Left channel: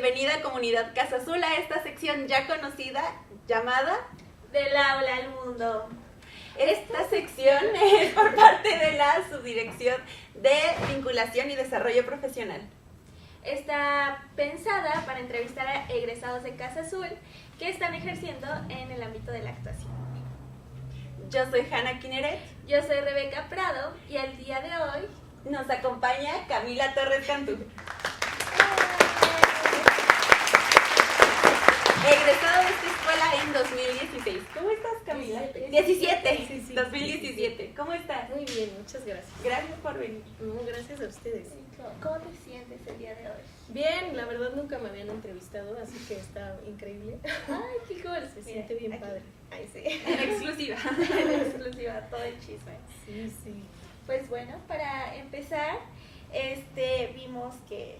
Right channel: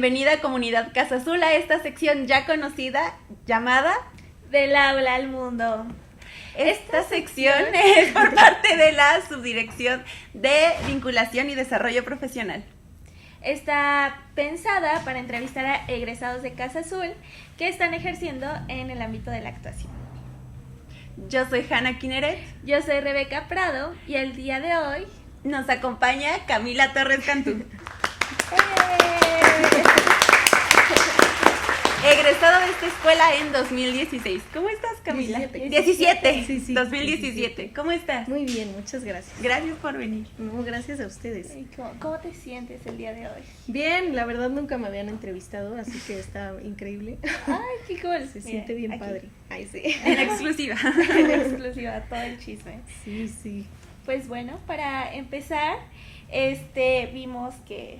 bienvenida a Comunidad Casa Azul a esta sección ya conocida llamada Del aula al mundo. Esta sección es por parte de la Subdirección de Vinculación y Desarrollo Profesional. Está pensada para entrevistar a egresados de Casa Azul que están ejerciendo en el ámbito de la actuación. Yo soy Hanna Kineret. Yo soy Rebeca Prado y el día de hoy nos acompaña Camila Torres Cantú. Egresado de esta escuela en 2016. ¿Cómo estás, Camila? 17. Sí, 2017. ¿Cómo estás? Muy bien, muchas gracias. Gracias por venir. No, gracias a ustedes. ¿Cómo te sientes el día de hoy? Bien, la verdad nunca me habían entrevistado, así que está increíble. Ay, qué cool. Se siente bien aquí, padre. Ay, sí. En exclusiva. En exclusiva, todo el chisme. Sí. Pues bueno, para empezar, vimos que,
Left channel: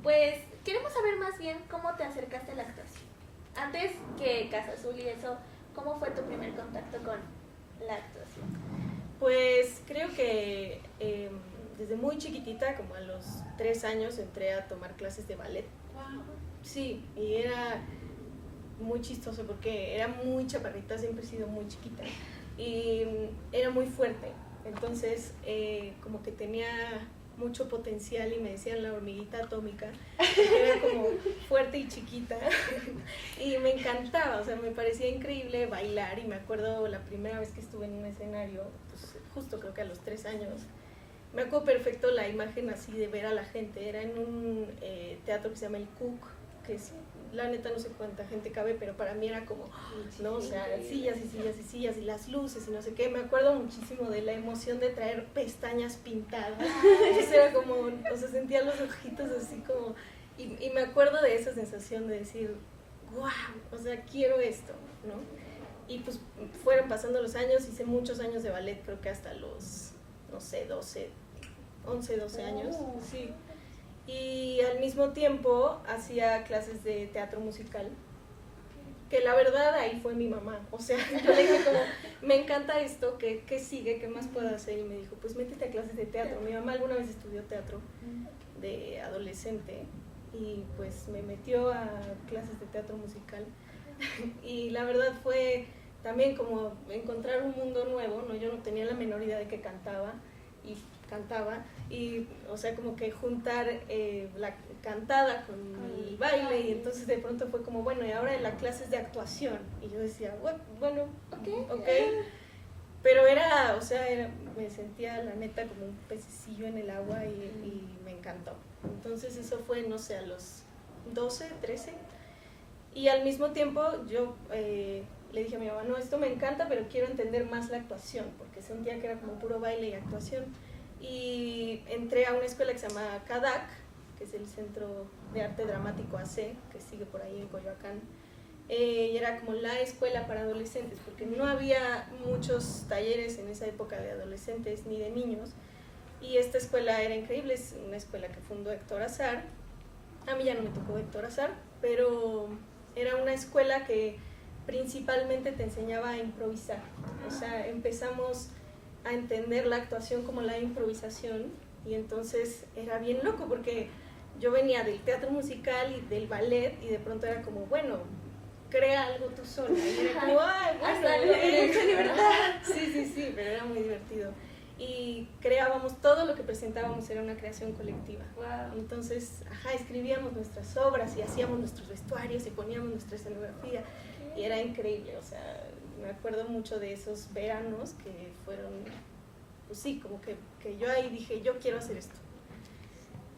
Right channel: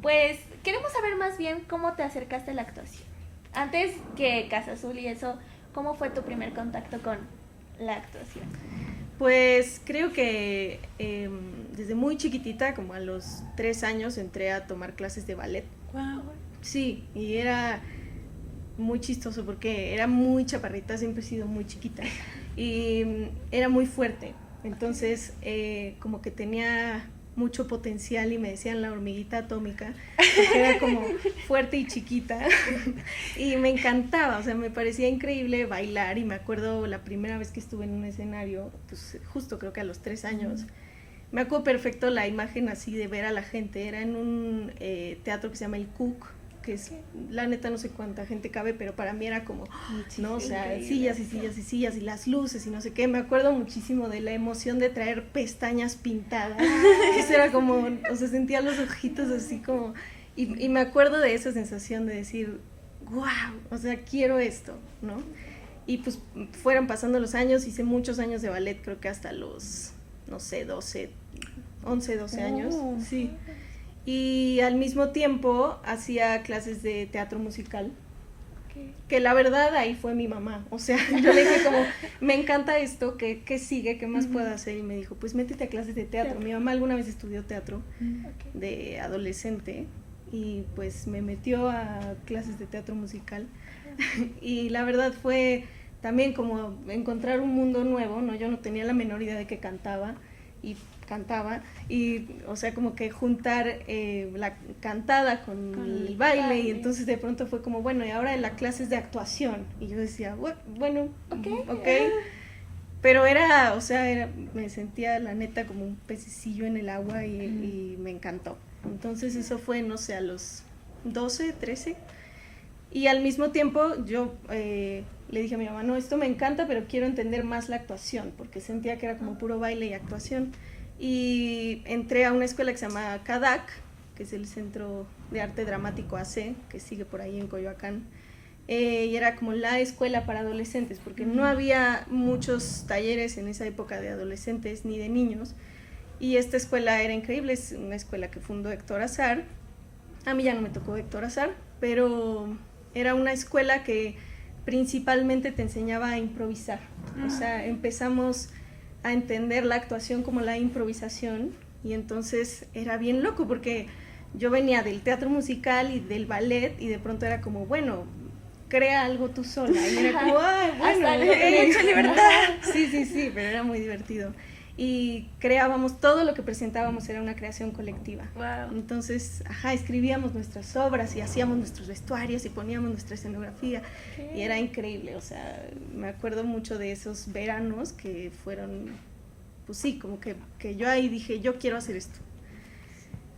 pues, queremos saber más bien cómo te acercaste a la actuación. Antes que Casa Azul y eso, ¿cómo fue tu primer contacto con la actuación? Pues creo que desde muy chiquitita, como a los 3 años, entré a tomar clases de ballet. Wow. Sí, y era muy chistoso porque era muy chaparrita, siempre he sido muy chiquita y era muy fuerte. Entonces, como que tenía mucho potencial y me decían la hormiguita atómica, porque era como fuerte y chiquita y me encantaba, o sea, me parecía increíble bailar. Y me acuerdo la primera vez que estuve en un escenario, pues justo creo que a los 3 años, me acuerdo perfecto la imagen así de ver a la gente. Era en un teatro que se llama el Cook, que es, la neta no sé cuánta gente cabe, pero para mí era como, ¿no? O sea, sillas y las luces y no sé qué. Me acuerdo muchísimo de la emoción de traer pestañas pintadas. Eso era como, o sea, sentía los ojitos así como, y me acuerdo de esa sensación de decir, wow, o sea, quiero esto, ¿no? Y pues fueron pasando los años, hice muchos años de ballet, creo que hasta los, no sé, 11, 12 años, sí. Y al mismo tiempo hacía clases de teatro musical, que la verdad ahí fue mi mamá. O sea, yo le dije como, me encanta esto, ¿qué sigue? ¿Qué más puedo hacer? Y me dijo, pues métete a clases de teatro. Mi mamá alguna vez estudió teatro de adolescente y pues me metió a clases de teatro musical. Y la verdad fue también como encontrar un mundo nuevo, ¿no? Yo no tenía la menor idea de que cantaba, y o sea, como que juntar la cantada con el baile, y entonces de pronto fue como, bueno, y ahora en la clase es de actuación, y yo decía, bueno, okay. Pero era, o sea, me sentía la neta como un pececillo en el agua y me encantó. Entonces eso fue, no sé, a los 12, 13, y al mismo tiempo yo le dije a mi mamá, no, esto me encanta, pero quiero entender más la actuación, porque sentía que era como puro baile y actuación. Y entré a una escuela que se llama CADAC, que es el Centro de Arte Dramático AC, que sigue por ahí en Coyoacán. Y era como la escuela para adolescentes, porque no había muchos talleres en esa época de adolescentes ni de niños. Y esta escuela era increíble, es una escuela que fundó Héctor Azar. A mí ya no me tocó Héctor Azar, pero era una escuela que principalmente te enseñaba a improvisar. O sea, empezamos a entender la actuación como la improvisación, y entonces era bien loco porque yo venía del teatro musical y del ballet, y de pronto era como, bueno, crea algo tú sola, y era como, bueno, mucha libertad. Sí, pero era muy divertido. Y creábamos, todo lo que presentábamos era una creación colectiva. Wow. Entonces, escribíamos nuestras obras y hacíamos nuestros vestuarios y poníamos nuestra escenografía, y era increíble. O sea, me acuerdo mucho de esos veranos que fueron, pues sí, como que yo ahí dije, yo quiero hacer esto.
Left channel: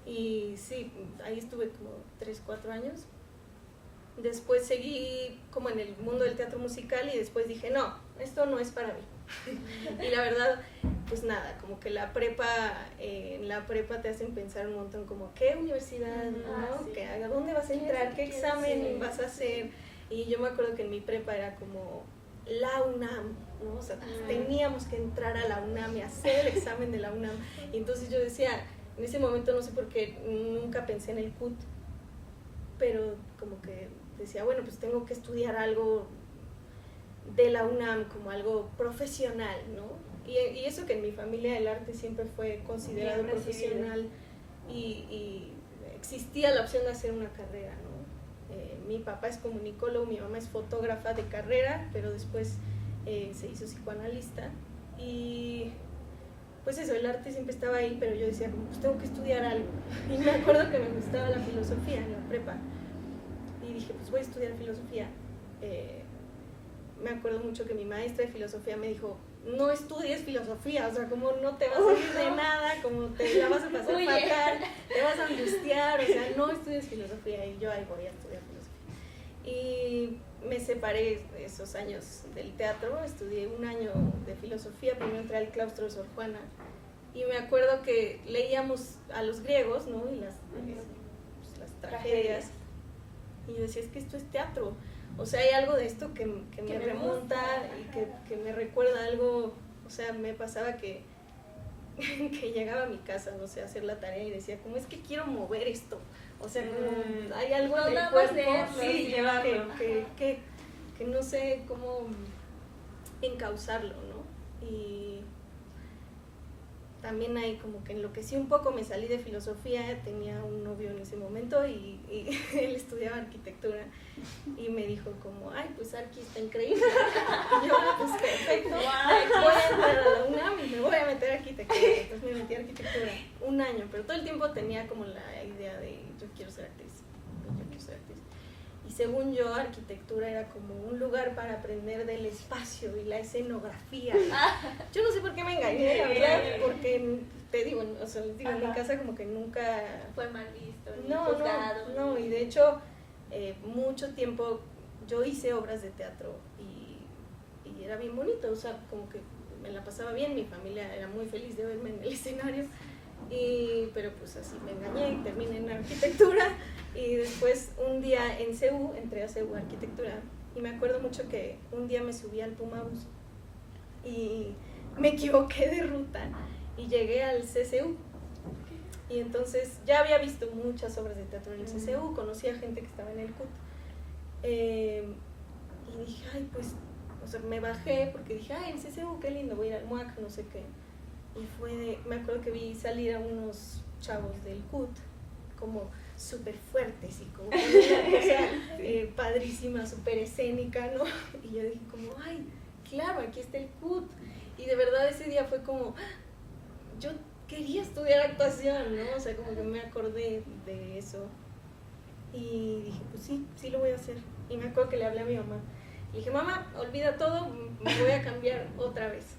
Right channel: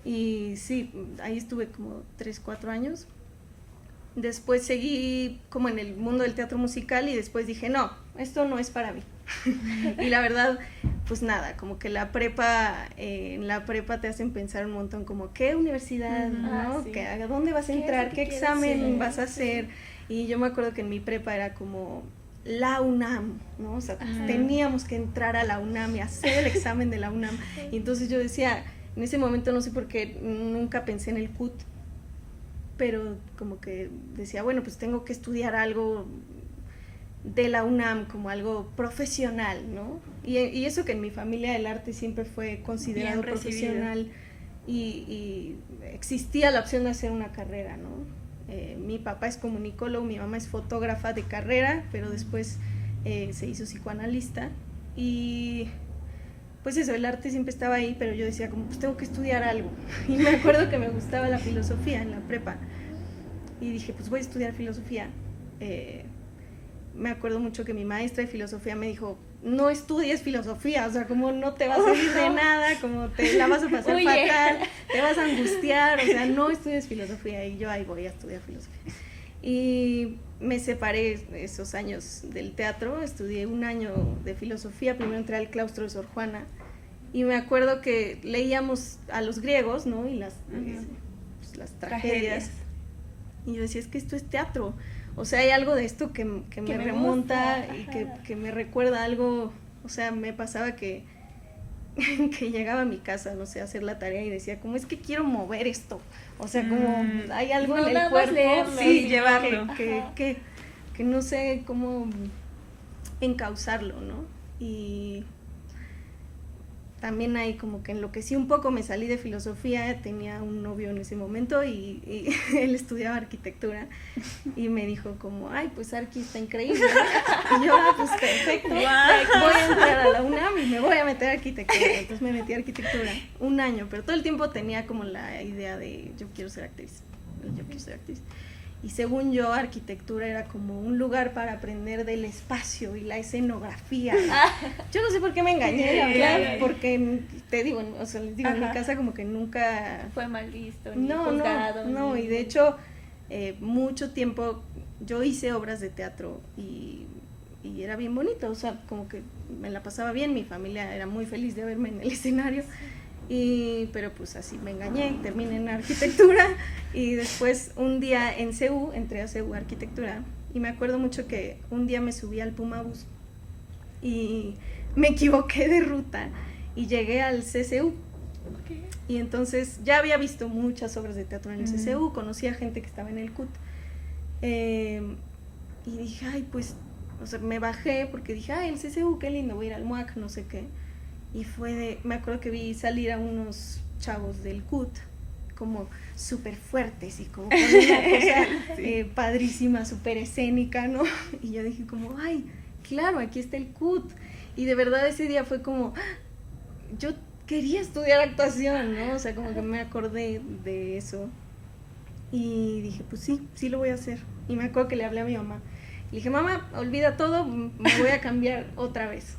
Y sí, ahí estuve como 3, 4 años. Después seguí como en el mundo del teatro musical, y después dije, no, esto no es para mí. Y la verdad, pues nada, como que en la prepa te hacen pensar un montón como, ¿qué universidad? ¿No? Sí. ¿A dónde vas a entrar? ¿Qué examen vas a hacer? Y yo me acuerdo que en mi prepa era como la UNAM, ¿no? O sea, teníamos que entrar a la UNAM y hacer el examen de la UNAM. Y entonces yo decía, en ese momento no sé por qué nunca pensé en el CUT, pero como que decía, bueno, pues tengo que estudiar algo de la UNAM, como algo profesional, ¿no? Y eso que en mi familia el arte siempre fue considerado profesional y existía la opción de hacer una carrera, ¿no? Mi papá es comunicólogo, mi mamá es fotógrafa de carrera, pero después se hizo psicoanalista y pues eso, el arte siempre estaba ahí, pero yo decía como pues tengo que estudiar algo y me acuerdo que me gustaba la filosofía en la prepa y dije pues voy a estudiar filosofía. Me acuerdo mucho que mi maestra de filosofía me dijo no estudies filosofía, o sea, como no te va a servir de nada, como te la vas a pasar fatal, te vas a angustiar, o sea, no estudies filosofía, y yo ahí voy a estudiar filosofía. Y me separé esos años del teatro, estudié un año de filosofía, primero entré al claustro de Sor Juana, y me acuerdo que leíamos a los griegos, ¿no? Y las tragedias, y yo decía, es que esto es teatro. O sea, hay algo de esto que me remonta y que me recuerda algo, o sea, me pasaba que llegaba a mi casa, no sé, a hacer la tarea y decía, como es que quiero mover esto, o sea, como hay algo en el cuerpo, sí, llevarlo, que no sé cómo encauzarlo, ¿no? Y también ahí como que enloquecí un poco, me salí de filosofía, tenía un novio en ese momento y él estudiaba arquitectura y me dijo como, ay, pues Arqui está increíble, y yo, pues perfecto, voy a entrar a la UNAM y me voy a meter a arquitectura, entonces me metí a arquitectura un año, pero todo el tiempo tenía como la idea de yo quiero ser actriz. Y según yo, arquitectura era como un lugar para aprender del espacio y la escenografía. Yo no sé por qué me engañé, la verdad, porque te digo, o sea, les digo, en mi casa como que nunca... Fue mal visto, ni juzgado. No, y de hecho, mucho tiempo yo hice obras de teatro y era bien bonito, o sea, como que me la pasaba bien, mi familia era muy feliz de verme en el escenario. Pero pues así me engañé y terminé en arquitectura y después un día en CEU, entré a CEU Arquitectura y me acuerdo mucho que un día me subí al Pumabus y me equivoqué de ruta y llegué al CCU. Y entonces ya había visto muchas obras de teatro en el CCU, conocí a gente que estaba en el CUT y dije, ay, pues, o sea, me bajé porque dije, ay, el CCU, qué lindo, voy a ir al MUAC, no sé qué. Y me acuerdo que vi salir a unos chavos del CUT como súper fuertes y como con una cosa padrísima, súper escénica, ¿no? Y yo dije como, ay, claro, aquí está el CUT. Y de verdad ese día fue como, yo quería estudiar actuación, ¿no? O sea, como que me acordé de eso. Y dije, pues sí lo voy a hacer. Y me acuerdo que le hablé a mi mamá. Le dije, mamá, olvida todo, me voy a cambiar otra vez.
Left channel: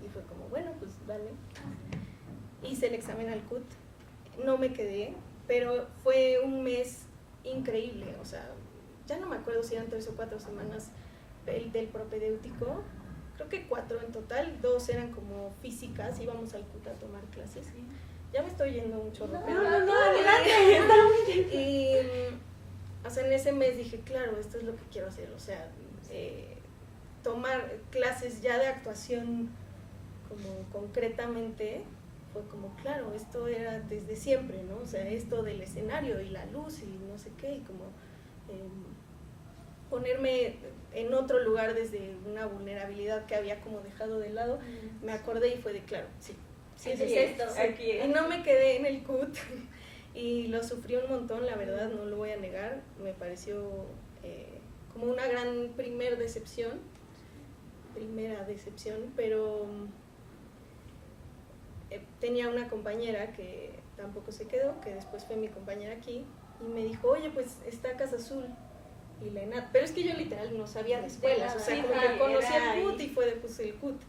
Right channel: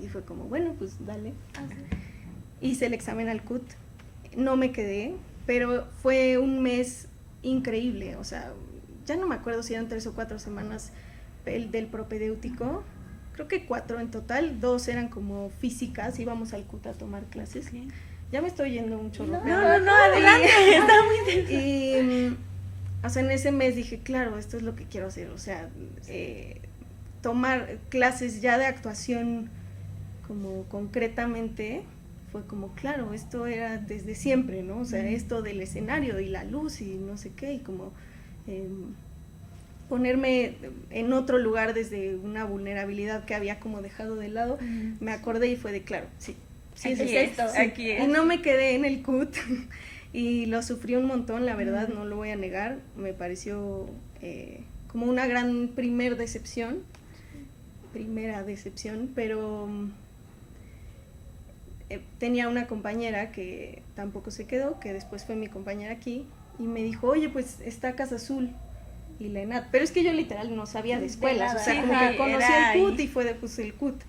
Y fue como, bueno, pues dale. Hice el examen al CUT, no me quedé, pero fue un mes increíble, o sea, ya no me acuerdo si eran 3 o 4 semanas del propedéutico, creo que 4 en total, 2 eran como físicas, íbamos al CUT a tomar clases. Ya me estoy yendo mucho. No, adelante, está muy interesante. Y, o sea, en ese mes dije, claro, esto es lo que quiero hacer, o sea, tomar clases ya de actuación como concretamente, fue como, claro, esto era desde siempre, ¿no? O sea, esto del escenario y la luz y no sé qué, y como ponerme en otro lugar desde una vulnerabilidad que había como dejado de lado, me acordé y fue de, claro, sí es esto. Aquí es. Y no me quedé en el CUT y lo sufrí un montón, la verdad, no lo voy a negar, me pareció como una gran primera decepción, pero tenía una compañera que tampoco se quedó, que después fue mi compañera aquí, y me dijo, oye, pues está Casa Azul y la ENAD, pero es que yo literal no sabía de escuelas, o sea, Sí, como que conocí el CUT ahí. y fue de pues el CUT,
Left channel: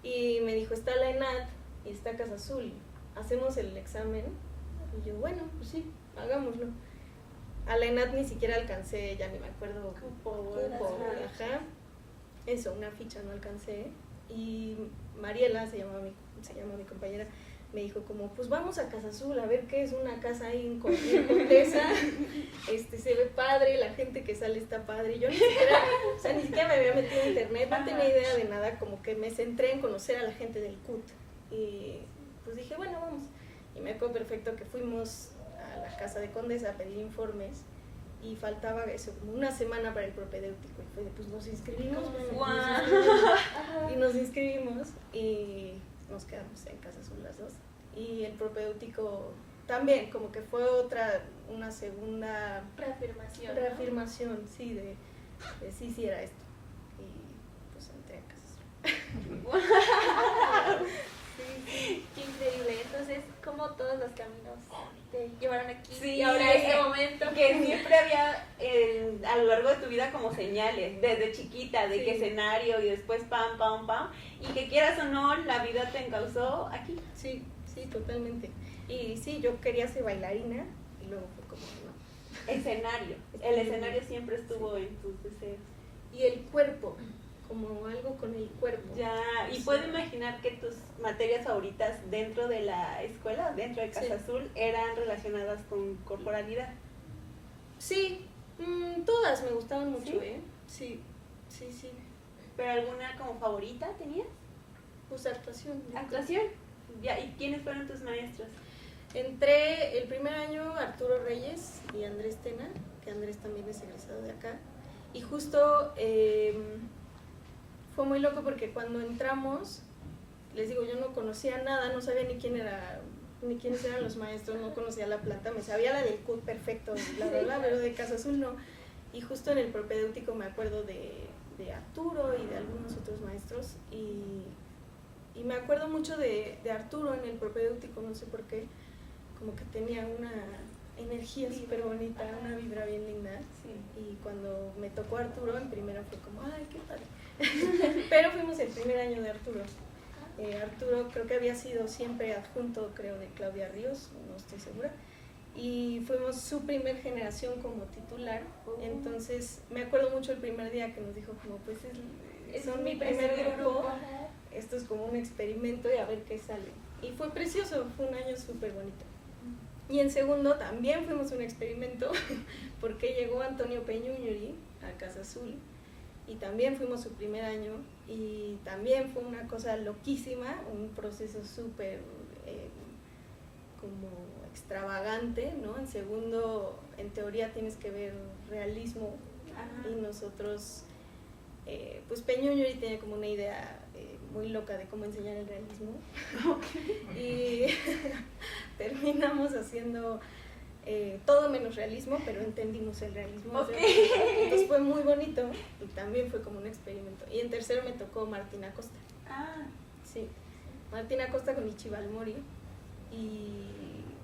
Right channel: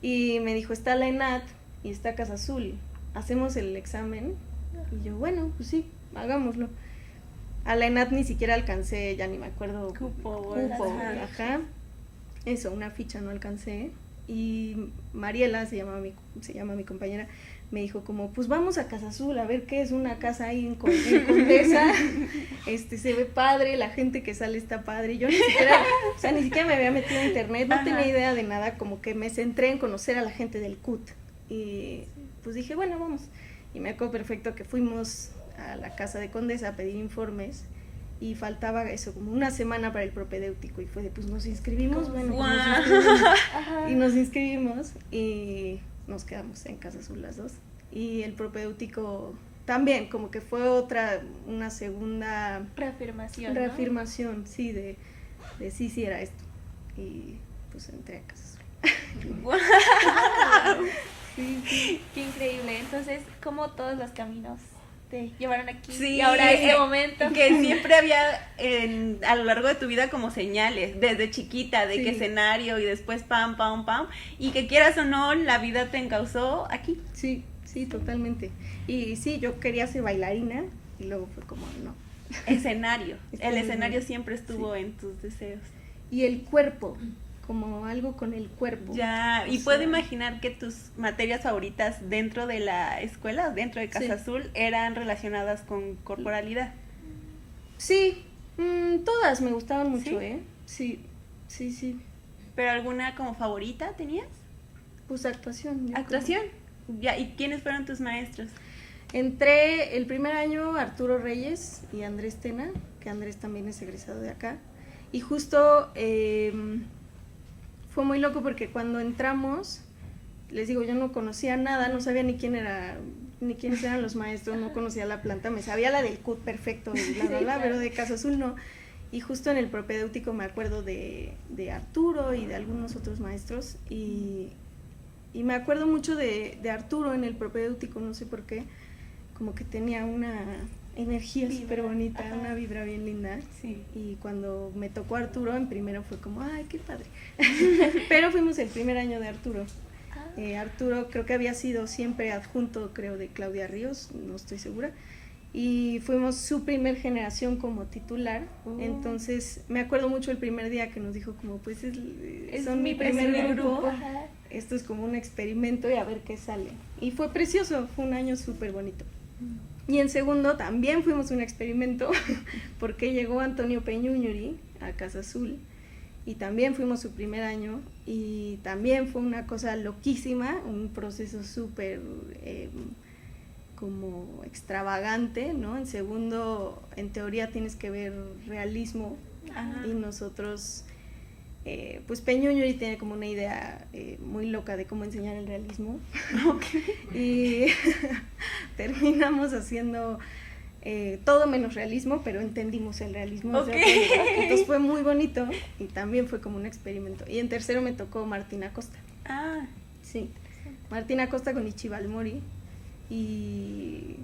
y me dijo, está la ENAD y está Casa Azul, hacemos el examen, y yo, bueno, pues sí, hagámoslo. A la ENAD ni siquiera alcancé, ya ni me acuerdo, cupo, ajá, eso, una ficha no alcancé. Y Mariela, se llama mi compañera, me dijo como, pues vamos a Casa Azul, a ver qué es una casa ahí en Condesa, se ve padre, la gente que sale está padre, y yo ni siquiera me había metido a internet, no tenía idea de nada, como que me centré en conocer a la gente del CUT, y pues dije, bueno, vamos, y me acuerdo perfecto que fuimos a la casa de Condesa a pedir informes, y faltaba eso, como una semana para el propedéutico, y fue de, pues nos inscribimos, bueno, y nos inscribimos, y nos quedamos en Casa Azul las dos, y el propedéutico también como que fue una segunda Reafirmación, ¿no? reafirmación, sí, de sí era esto. Y pues entré a Casa Azul. ¡Guau! Sí. Qué increíble. Entonces, ¿cómo todos los caminos te llevaron aquí? Sí, Y ahora este momento. que siempre había a lo largo de tu vida como señales, desde chiquita, de Sí. que escenario y después pam, pam, pam, y que quieras o no, la vida te encauzó aquí. Sí, totalmente. Y sí, yo quería ser bailarina y luego fue como, no. Escenario, el Escenario. escenario siempre estuvo en tus deseos. Y el cuerpo, como algo con el cuerpo. Ya, y O puedo sea, imaginar que tus materias favoritas dentro de la escuela, dentro de Casa Sí. Azul, eran relacionadas con corporalidad. Sí, todas me gustaban mucho, ¿Sí? Sí. ¿Pero alguna como favorita tenías? Pues actuación. yo creo. ¿Actuación? Ya, ¿y quiénes fueron tus maestros? Entré el primer año Arturo Reyes y Andrés Tena, que Andrés también es egresado de acá. Y justo fue muy loco porque cuando entramos, les digo, yo no conocía nada, no sabía ni quiénes eran los maestros, no conocía la planta, me sabía la del CUT perfecto, pero de Casa Azul no. Y justo en el propedéutico me acuerdo de Arturo y de algunos otros maestros y me acuerdo mucho de Arturo en el propedéutico, no sé por qué, como que tenía una energía Vibra, súper bonita, ajá. una vibra bien linda. Sí. Y cuando me tocó Arturo, en primero fue como, ay, qué padre. Pero fuimos el primer año de Arturo. Arturo creo que había sido siempre adjunto, creo, de Claudia Ríos, no estoy segura. Y fuimos su primer generación como titular. Entonces, me acuerdo mucho el primer día que nos dijo como, pues son mi primer grupo. Ajá. Esto es como un experimento y a ver qué sale. Y fue precioso, fue un año súper bonito. Y en segundo también fuimos un experimento porque llegó Antonio Peñuñuri a Casa Azul y también fuimos su primer año y también fue una cosa loquísima, un proceso súper como extravagante, ¿no? En segundo, en teoría tienes que ver realismo. Ajá. Y nosotros, pues Peñuñuri tiene como una idea muy loca de cómo enseñar el realismo. Y terminamos haciendo todo menos realismo, pero entendimos el realismo. Ok. Entonces fue muy bonito y también fue como un experimento. Y en tercero me tocó Martina Costa. Ah, Sí, Martina Costa con Ichiban Mori. Y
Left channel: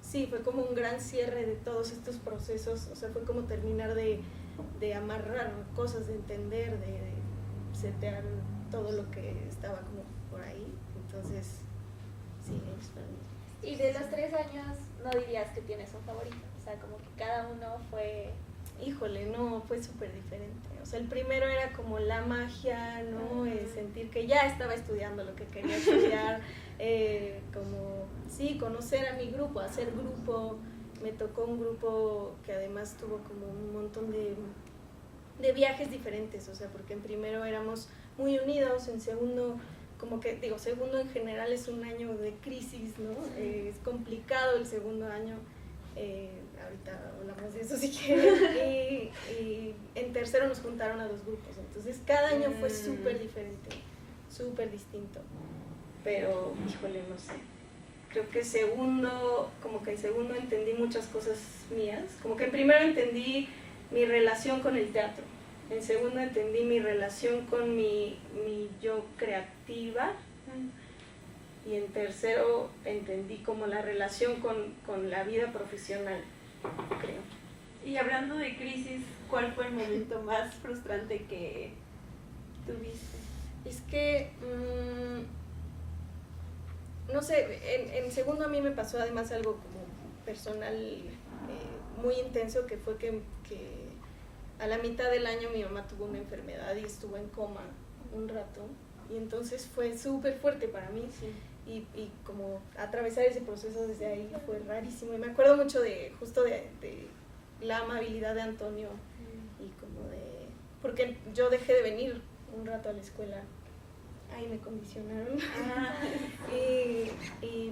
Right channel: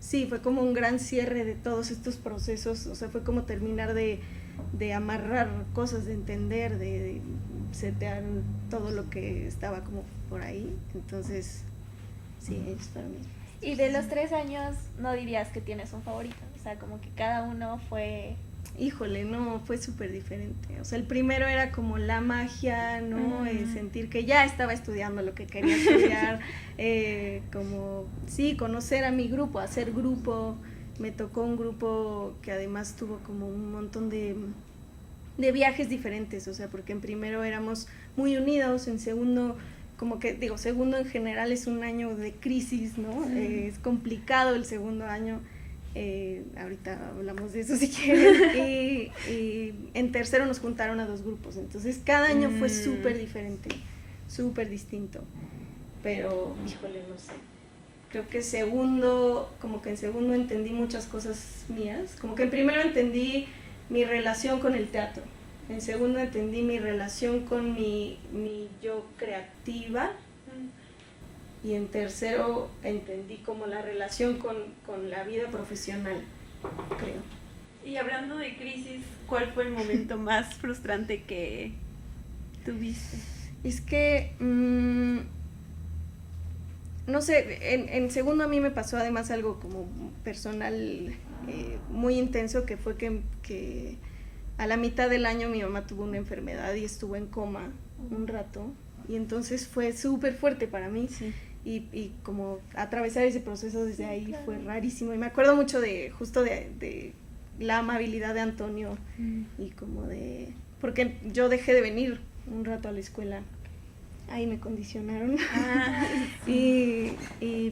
sí, fue como un gran cierre de todos estos procesos. O sea, fue como terminar de amarrar cosas, de entender, de setear todo lo que estaba como por ahí. Entonces, sí, ellos para mí. Y de los 3 años, no dirías que tienes un favorito. O sea, como que cada uno fue. Híjole, no, fue súper diferente. O sea, el primero era como la magia, ¿no? Ujú. Sentir que ya estaba estudiando lo que quería estudiar, como, sí, conocer a mi grupo, hacer grupo. Me tocó un grupo que además tuvo como un montón de viajes diferentes, o sea, porque en primero éramos muy unidos, en segundo, como que, digo, segundo en general es un año de crisis, ¿no? Es complicado el segundo año. Ahorita hablamos de eso si quieren. Y en tercero nos juntaron a 2 grupos, entonces cada año fue súper diferente, súper distinto. Pero, híjole, no sé. Creo que como que en segundo entendí muchas cosas mías. Como que en primero entendí mi relación con el teatro. En segundo entendí mi relación con mi yo creativa. Y en tercero entendí como la relación con la vida profesional, creo. y hablando de crisis, ¿cuál fue el momento más frustrante que tuviste? Es que, no sé, en segundo a mí me pasó además algo como personal muy intenso, que fue que a la mitad del año mi mamá tuvo una enfermedad y estuvo en coma un rato. Y entonces fue súper fuerte para mí. Sí. Y como atravesar ese proceso desde ahí fue rarísimo. Y me acuerdo mucho justo de la amabilidad de Antonio y como porque yo dejé de venir un rato a la escuela. Ahí me condicionaron. Ah, y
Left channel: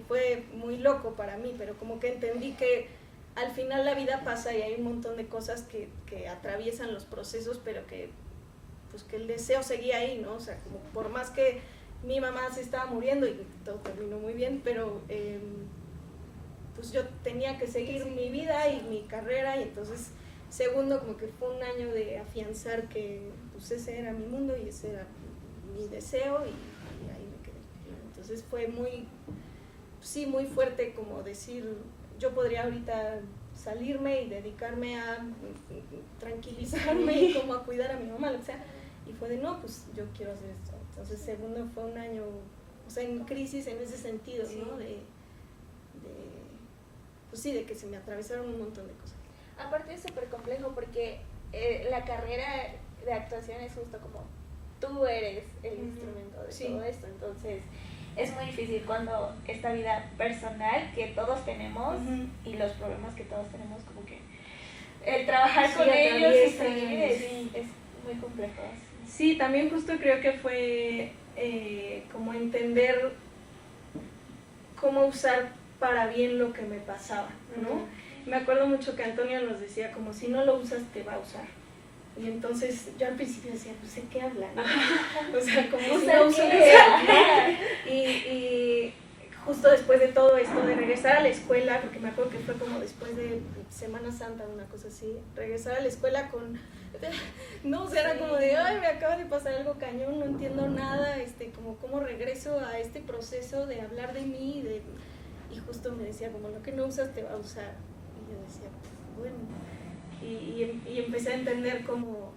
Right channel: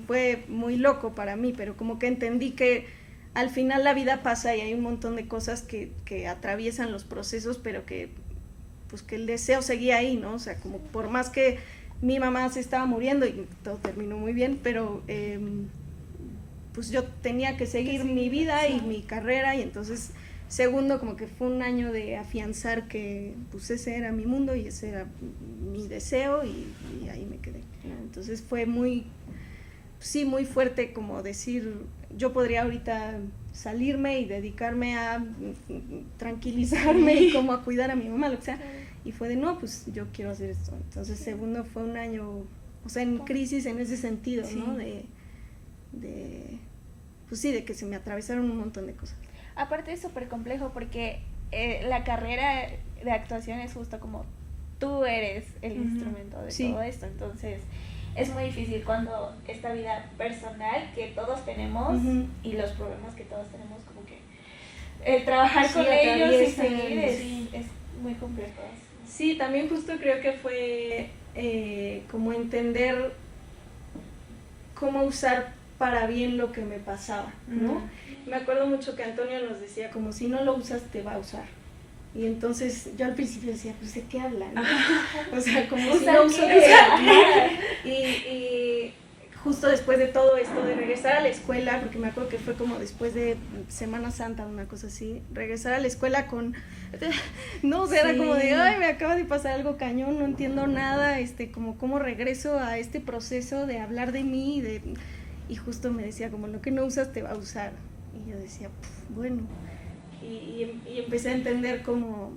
fue muy loco para mí, pero como que entendí que al final la vida pasa y hay un montón de cosas que atraviesan los procesos, pero que pues que el deseo seguía ahí, ¿no? O sea, como por más que mi mamá se estaba muriendo y todo terminó muy bien, pero pues yo tenía que seguir mi vida y mi carrera, y entonces segundo como que fue un año de afianzar que pues ese era mi mundo y ese era mi deseo, y ahí me quedé, ¿no? Entonces fue muy fuerte como decir, yo podría ahorita salirme y dedicarme a tranquilizarme y como a cuidar a mi mamá, o sea, y fue de no, pues yo quiero hacer esto. Entonces segundo fue un año, o sea, en crisis en ese sentido, ¿no? Pues sí, de que se me atravesaron un montón de cosas. Aparte es súper complejo porque la carrera de actuación es justo como tú eres el instrumento de todo esto, entonces es muy difícil cuando esta vida personal que todos tenemos y los problemas que todos tenemos, como que el trabajar con ellos y seguir es muy complejo. Sí, también justo creo que fue como entender cómo usar para bien lo que me pasaba, ¿no? Me acuerdo mucho que Antonio nos decía como si no lo usas te va a usar. Y entonces yo al principio decía, pues ¿de qué hablan? O sea, como si no uso y justo después de todo esto, de regresar a la escuela, porque me acuerdo que fue como después de Semana Santa, una cosa así, regresar a la escuela con, no, o sea, era como de, ay, me acaba de pasar algo cañón, no entiendo nada, como cómo regreso a este proceso de hablar de mí, y justo me decía como lo que no usas te va a usar. Y yo decía, bueno, y empecé a entender como,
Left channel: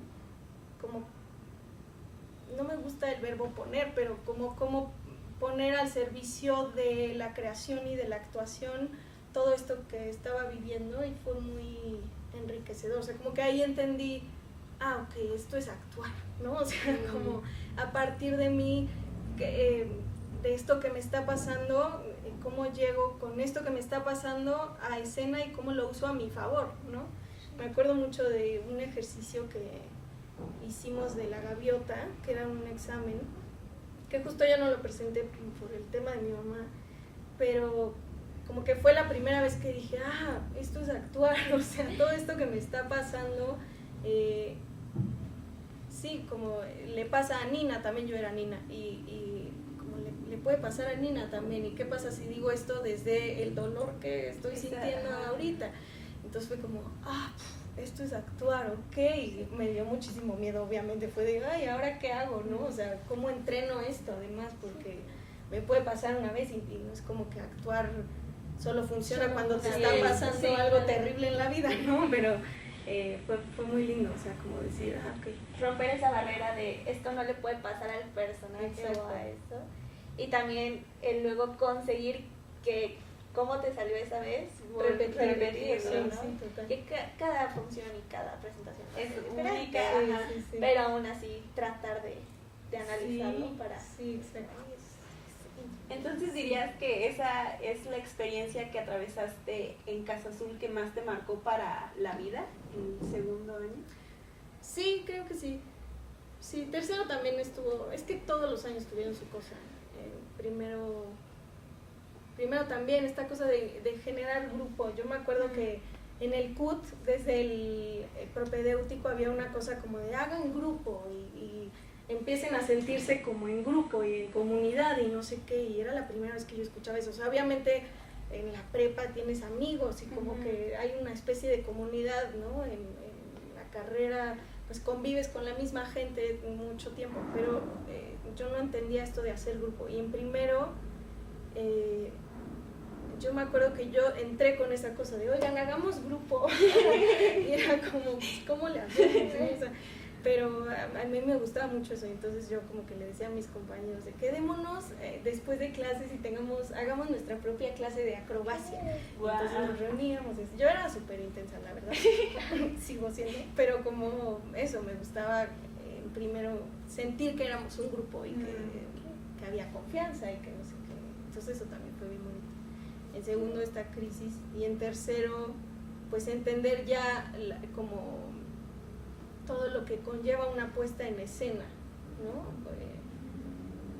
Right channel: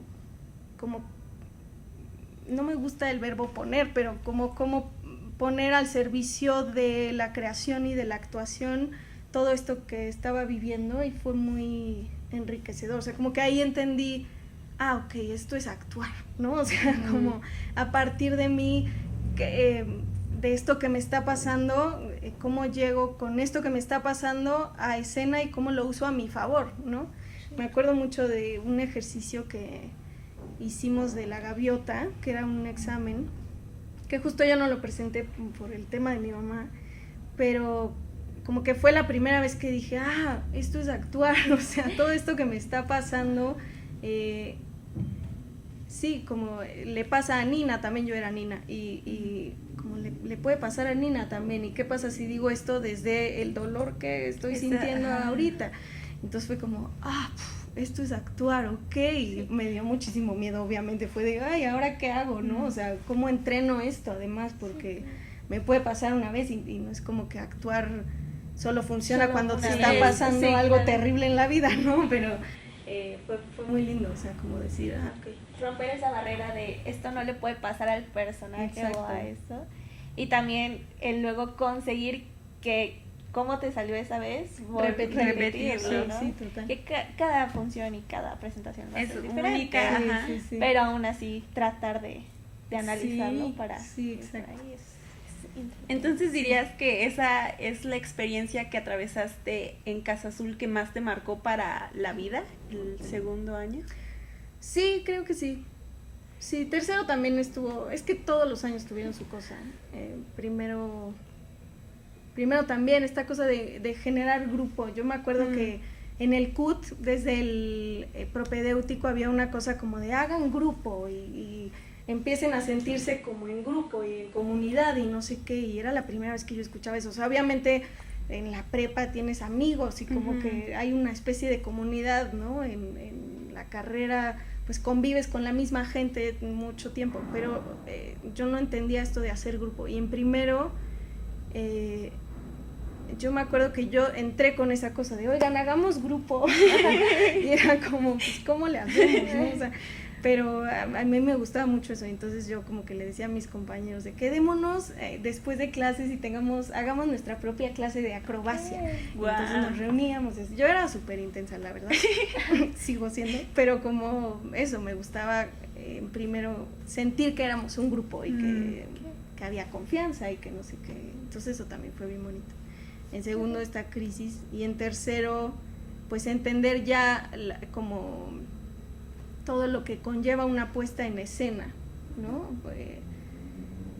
no me gusta el verbo poner, pero como poner al servicio de la creación y de la actuación todo esto que estaba viviendo, y fue muy enriquecedor, o sea, como que ahí entendí, ok, esto es actuar, ¿no? O sea, como a partir de mí, de esto que me está pasando, cómo llego con esto que me está pasando a escena y cómo lo uso a mi favor, ¿no? Me acuerdo mucho de un ejercicio que hicimos de la gaviota, que era un examen, que justo yo no lo presenté por el tema de mi mamá, pero como que fue la primera vez que dije, esto es actuar, o sea, todo esto que me está pasando, sí, como le pasa a Nina, también yo era Nina, y como le puede pasar a Nina también, y qué pasa si digo esto desde el dolor que estoy sintiendo ahorita. Entonces fue como, esto es actuar, ok, y me dio muchísimo miedo, obviamente, fue de, ¿ahora qué hago, no? O sea, ¿cómo entreno esto? Además, porque me puede pasar una vez y no es como que actuar solo funciona cuando te está pasando algo terrible en la vida, ¿no? Pero fue muy lindo, o sea, como decir, ok. Romper esa barrera de esto no le puede pasar al personaje o a esto. Y también el luego conseguir que cómo te salió esa vez, repetirlo, ¿no? Sí, total. Que cada función y cada presentación es única, sí. Pero aún así tratar de analizarlo para... Sí, exacto. Entonces dirías que esa es la experiencia que atravesaste en Casa Azul que más te marcó para la vida, el segundo año. Sí, creo que sí. Sí, tercero también estuvo, es que todos los años tuvieron su cosa. Primero también esta cosa de generar grupo. Yo me acuerdo que en el CUT, desde el propedéutico, había una cosa como de hagan grupo y empiecen a sentirse como en grupo y en comunidad y no sé qué, y era la primera vez que yo escuchaba eso. O sea, obviamente en la prepa tienes amigos y como que hay una especie de comunidad, ¿no? En la carrera pues convives con la misma gente mucho tiempo, pero yo no entendía esto de hacer grupo. Y en primero, yo me acuerdo que yo entré con esa cosa de, oigan, hagamos grupo. Y era como, pues, ¿cómo le hacemos, no? O sea, pero a mí me gustaba mucho eso, entonces yo como que le decía a mis compañeros de quedémonos después de clases y hagamos nuestra propia clase de acrobacia. Wow. Entonces nos reuníamos, yo era súper intensa, la verdad, sigo siendo, pero como eso, me gustaba primero sentir que éramos un grupo y que había confianza y que no sé qué, entonces eso también fue bien bonito. En segundo, esta crisis, y en tercero, pues entender ya como todo lo que conlleva una puesta en escena, ¿no?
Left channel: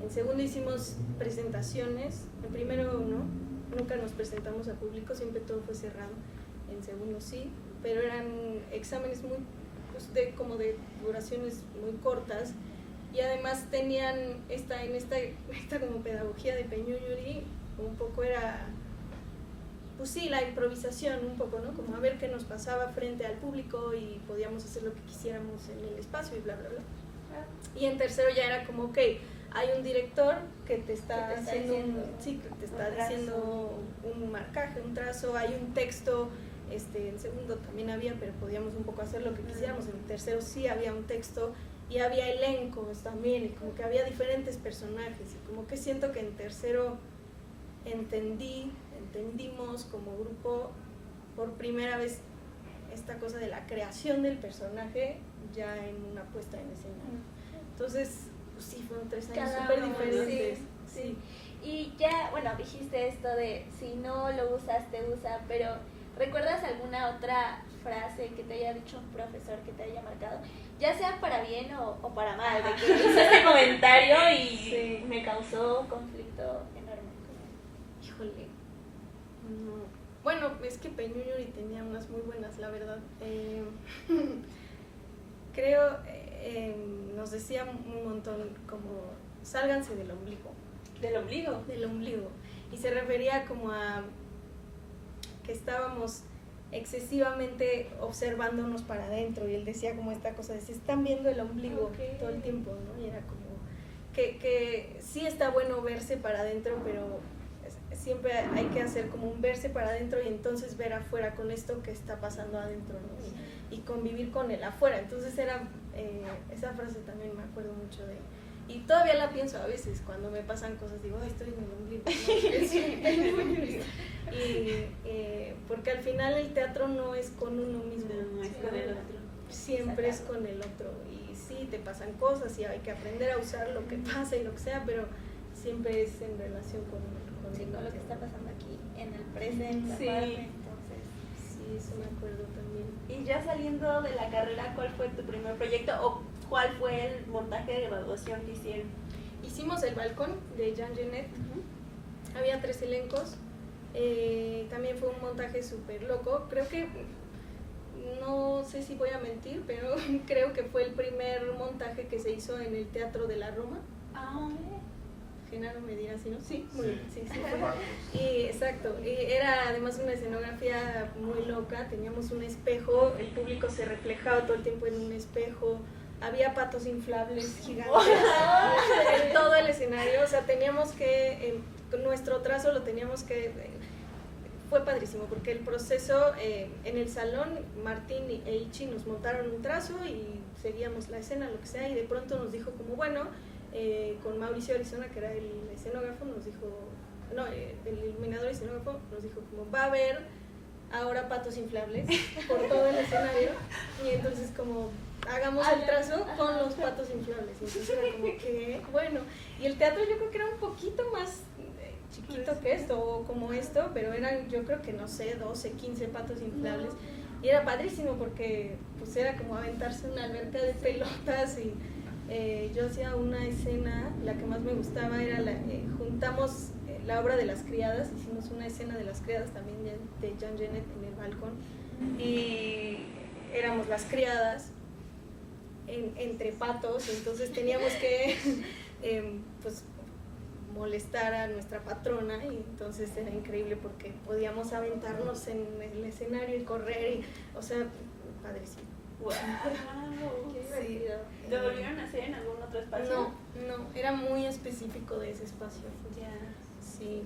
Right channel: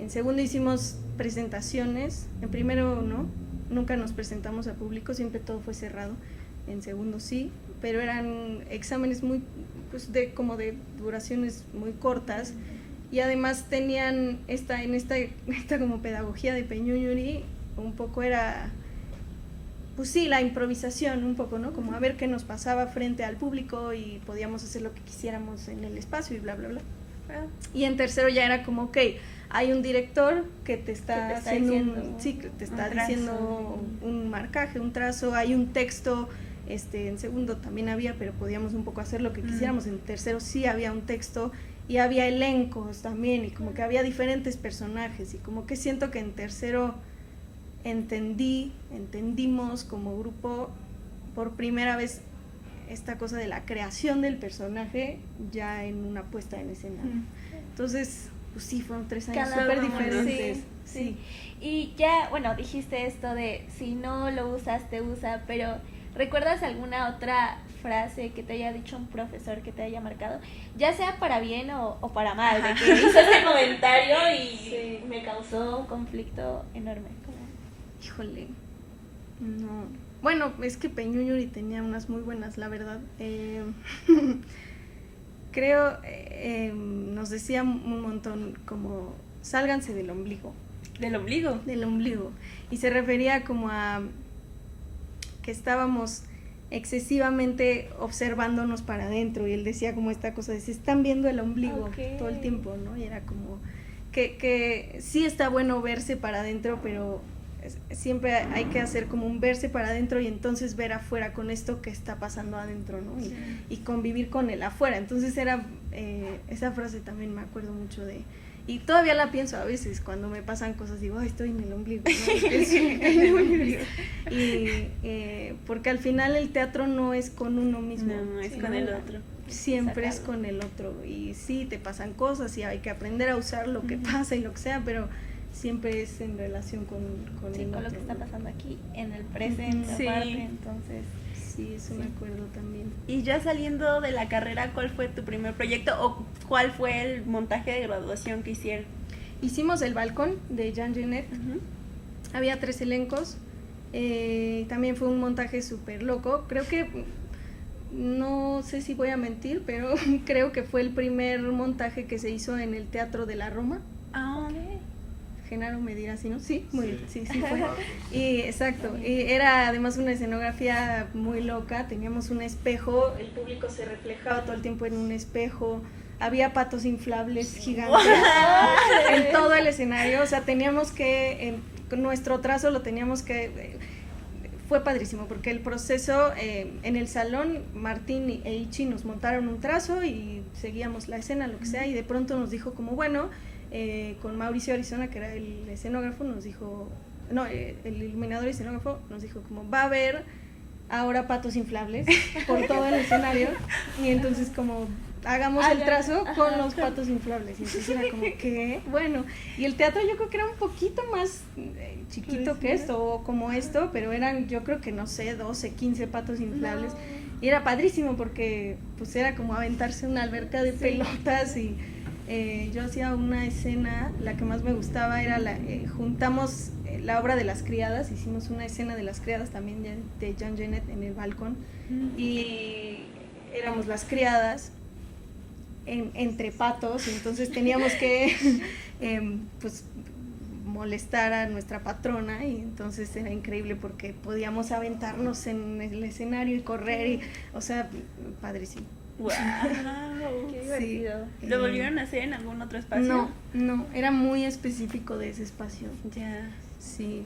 En segundo hicimos presentaciones, en primero no, nunca nos presentamos a público, siempre todo fue cerrado, en segundo sí, pero eran exámenes muy, pues como de duraciones muy cortas, y además tenían esta como pedagogía de Peñuñuri, un poco era pues sí, la improvisación un poco, ¿no? Como a ver qué nos pasaba frente al público y podíamos hacer lo que quisiéramos en el espacio y bla, bla, bla. Y en tercero ya era como, ok, hay un director que te está haciendo que te está diciendo un marcaje, un trazo, hay un texto, en segundo también había, pero podíamos un poco hacer lo que quisiéramos, en tercero sí había un texto y había elencos también y como que había diferentes personajes y como que siento que en tercero entendimos como grupo por primera vez esta cosa de la creación del personaje ya en una puesta en escena. Entonces, pues sí, fueron 3 años súper diferentes. Sí. Y ya, bueno, dijiste esto de si no lo usas, te usa, pero ¿recuerdas alguna otra frase que te haya dicho un profesor que te haya marcado? Ya sea para bien o para mal, de que hizo este comentario y me causó conflicto enorme. Híjole, no. Bueno, es que Peñuñuri tenía unas muy buenas, la verdad. Creo, nos decía un montón como, sálganse del ombligo. ¿Del ombligo? Del ombligo. Y se refería como a que estábamos excesivamente observándonos para adentro. Y él decía como esta cosa de, se están viendo el ombligo todo el tiempo, ¿no? Y era como que sí está bueno verse para adentro, pero siempre hay que hacer como un verse para adentro y entonces ver afuera con esto que está pasando adentro, ¿no? Y convivir con el afuera. Entonces era, esa frase también me acuerdo mucho de, y todavía la pienso a veces cuando me pasan cosas, digo, ay, estoy en el ombligo, ¿no? Y porque al final el teatro no es con uno mismo, no, es con el otro. Siempre es con el otro, y sí, te pasan cosas y hay que aprender a usar lo que pasa y lo que sea, pero siempre es en relación con el otro, otro, lo que está pasando aquí en el presente, aparte, entonces sí, eso me acuerdo también. Y ya saliendo de la carrera, ¿cuál fue tu primer proyecto o cuál fue el montaje de graduación que hicieron? Hicimos El Balcón de Jean Genet. Había 3 elencos, también fue un montaje súper loco. Creo que, no sé si voy a mentir, pero creo que fue el primer montaje que se hizo en el Teatro de la Roma. Genaro me dirá si no, sí, sí fue. Y exacto, y era además una escenografía muy loca, teníamos un espejo, el público se reflejaba todo el tiempo en un espejo, había patos inflables gigantes en todo el escenario, o sea, teníamos que, nuestro trazo lo teníamos que, fue padrísimo, porque el proceso, en el salón, Martín e Ichi nos montaron un trazo y seguíamos la escena, lo que sea, y de pronto nos dijo como, bueno, con Mauricio Arizona, que era el escenógrafo, nos dijo, no, el iluminador y escenógrafo nos dijo como, va a haber ahora patos inflables por todo el escenario, y entonces como, hagamos el trazo con los patos inflables, y entonces era como, ¿qué? Bueno, y el teatro yo creo que era un poquito más chiquito que esto, o como esto, pero eran, yo creo que no sé, 12, 15 patos inflables, y era padrísimo porque pues era como aventarse una alberca de pelotas y yo hacía una escena, la que más me gustaba era juntamos la obra de Las Criadas, hicimos una escena de Las Criadas también de Jean Genet en El Balcón, y éramos las criadas entre patos, y entonces teníamos que pues molestar a nuestra patrona, y entonces era increíble porque podíamos aventarnos en el escenario y correr, y, o sea, padrísimo. ¡Wow! ¡Qué divertido! Sí. ¿Lo volvieron a hacer en algún otro espacio? No, era muy específico de ese espacio. Ya. Sí,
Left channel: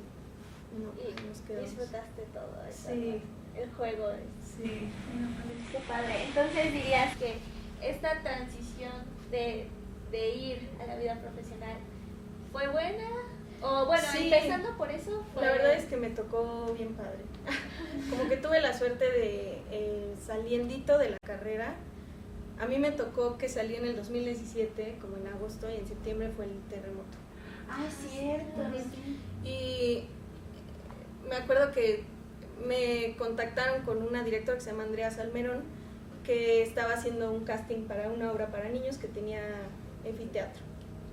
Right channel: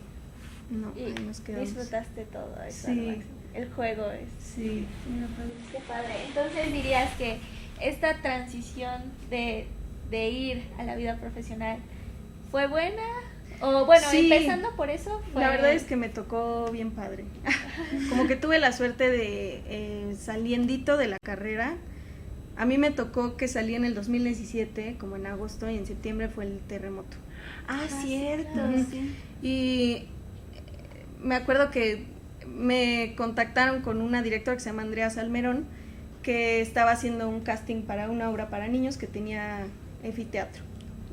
no, y nos quedamos. disfrutaste todo eso, sí. El juego es. Sí. No, pues, qué padre. Entonces dirías que esta transición de ir a la vida profesional fue buena. O bueno, sí, empezando por eso fue... La verdad es que me tocó bien padre. Como que tuve la suerte de saliendito de la carrera. A mí me tocó que salí en el 2017, como en agosto, y en septiembre fue el terremoto. Cierto. Sí. Y me acuerdo que me contactaron con una directora que se llama Andrea Salmerón, que estaba haciendo un casting para una obra para niños que tenía anfiteatro.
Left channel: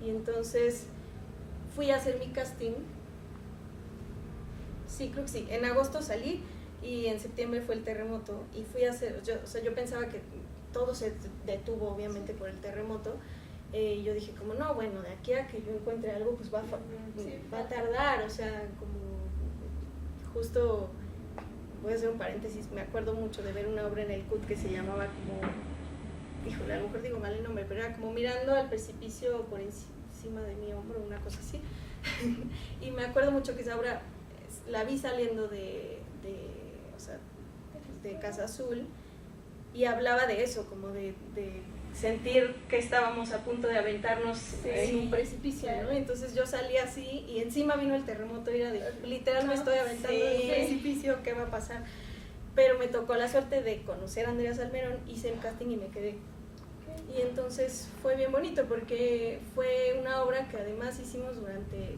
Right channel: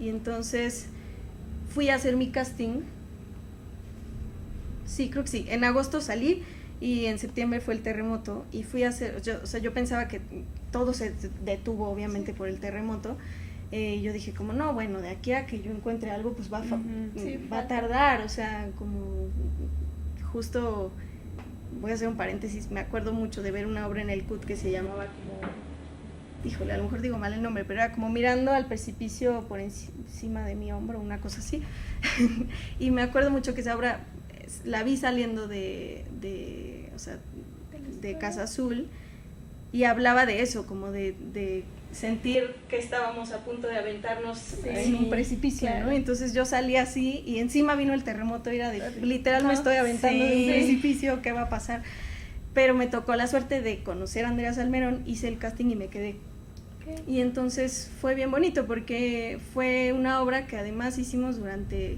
Y entonces fui a hacer mi casting. Sí, creo que sí. En agosto salí y en septiembre fue el terremoto y fui a hacer, yo pensaba que todo se detuvo obviamente por el terremoto. Yo dije como no, bueno, de aquí a que yo encuentre algo pues va a tardar, o sea, como justo voy a hacer un paréntesis, me acuerdo mucho de ver una obra en el CUT que se llamaba como, híjole, a lo mejor digo mal el nombre, pero era como mirando al precipicio por encima de mi hombro, una cosa así. Y me acuerdo mucho que esa obra la vi saliendo o sea, de Casa Azul, y hablaba de eso, como de sentir que estábamos a punto de aventarnos en un precipicio, claro, ¿no? Entonces yo salí así y encima vino el terremoto y era de, literal me estoy aventando de un precipicio, ¿qué va a pasar? Pero me tocó la suerte de conocer a Andrea Salmerón, hice el casting y me quedé. Y entonces fue bien bonito porque fue una obra que además hicimos durante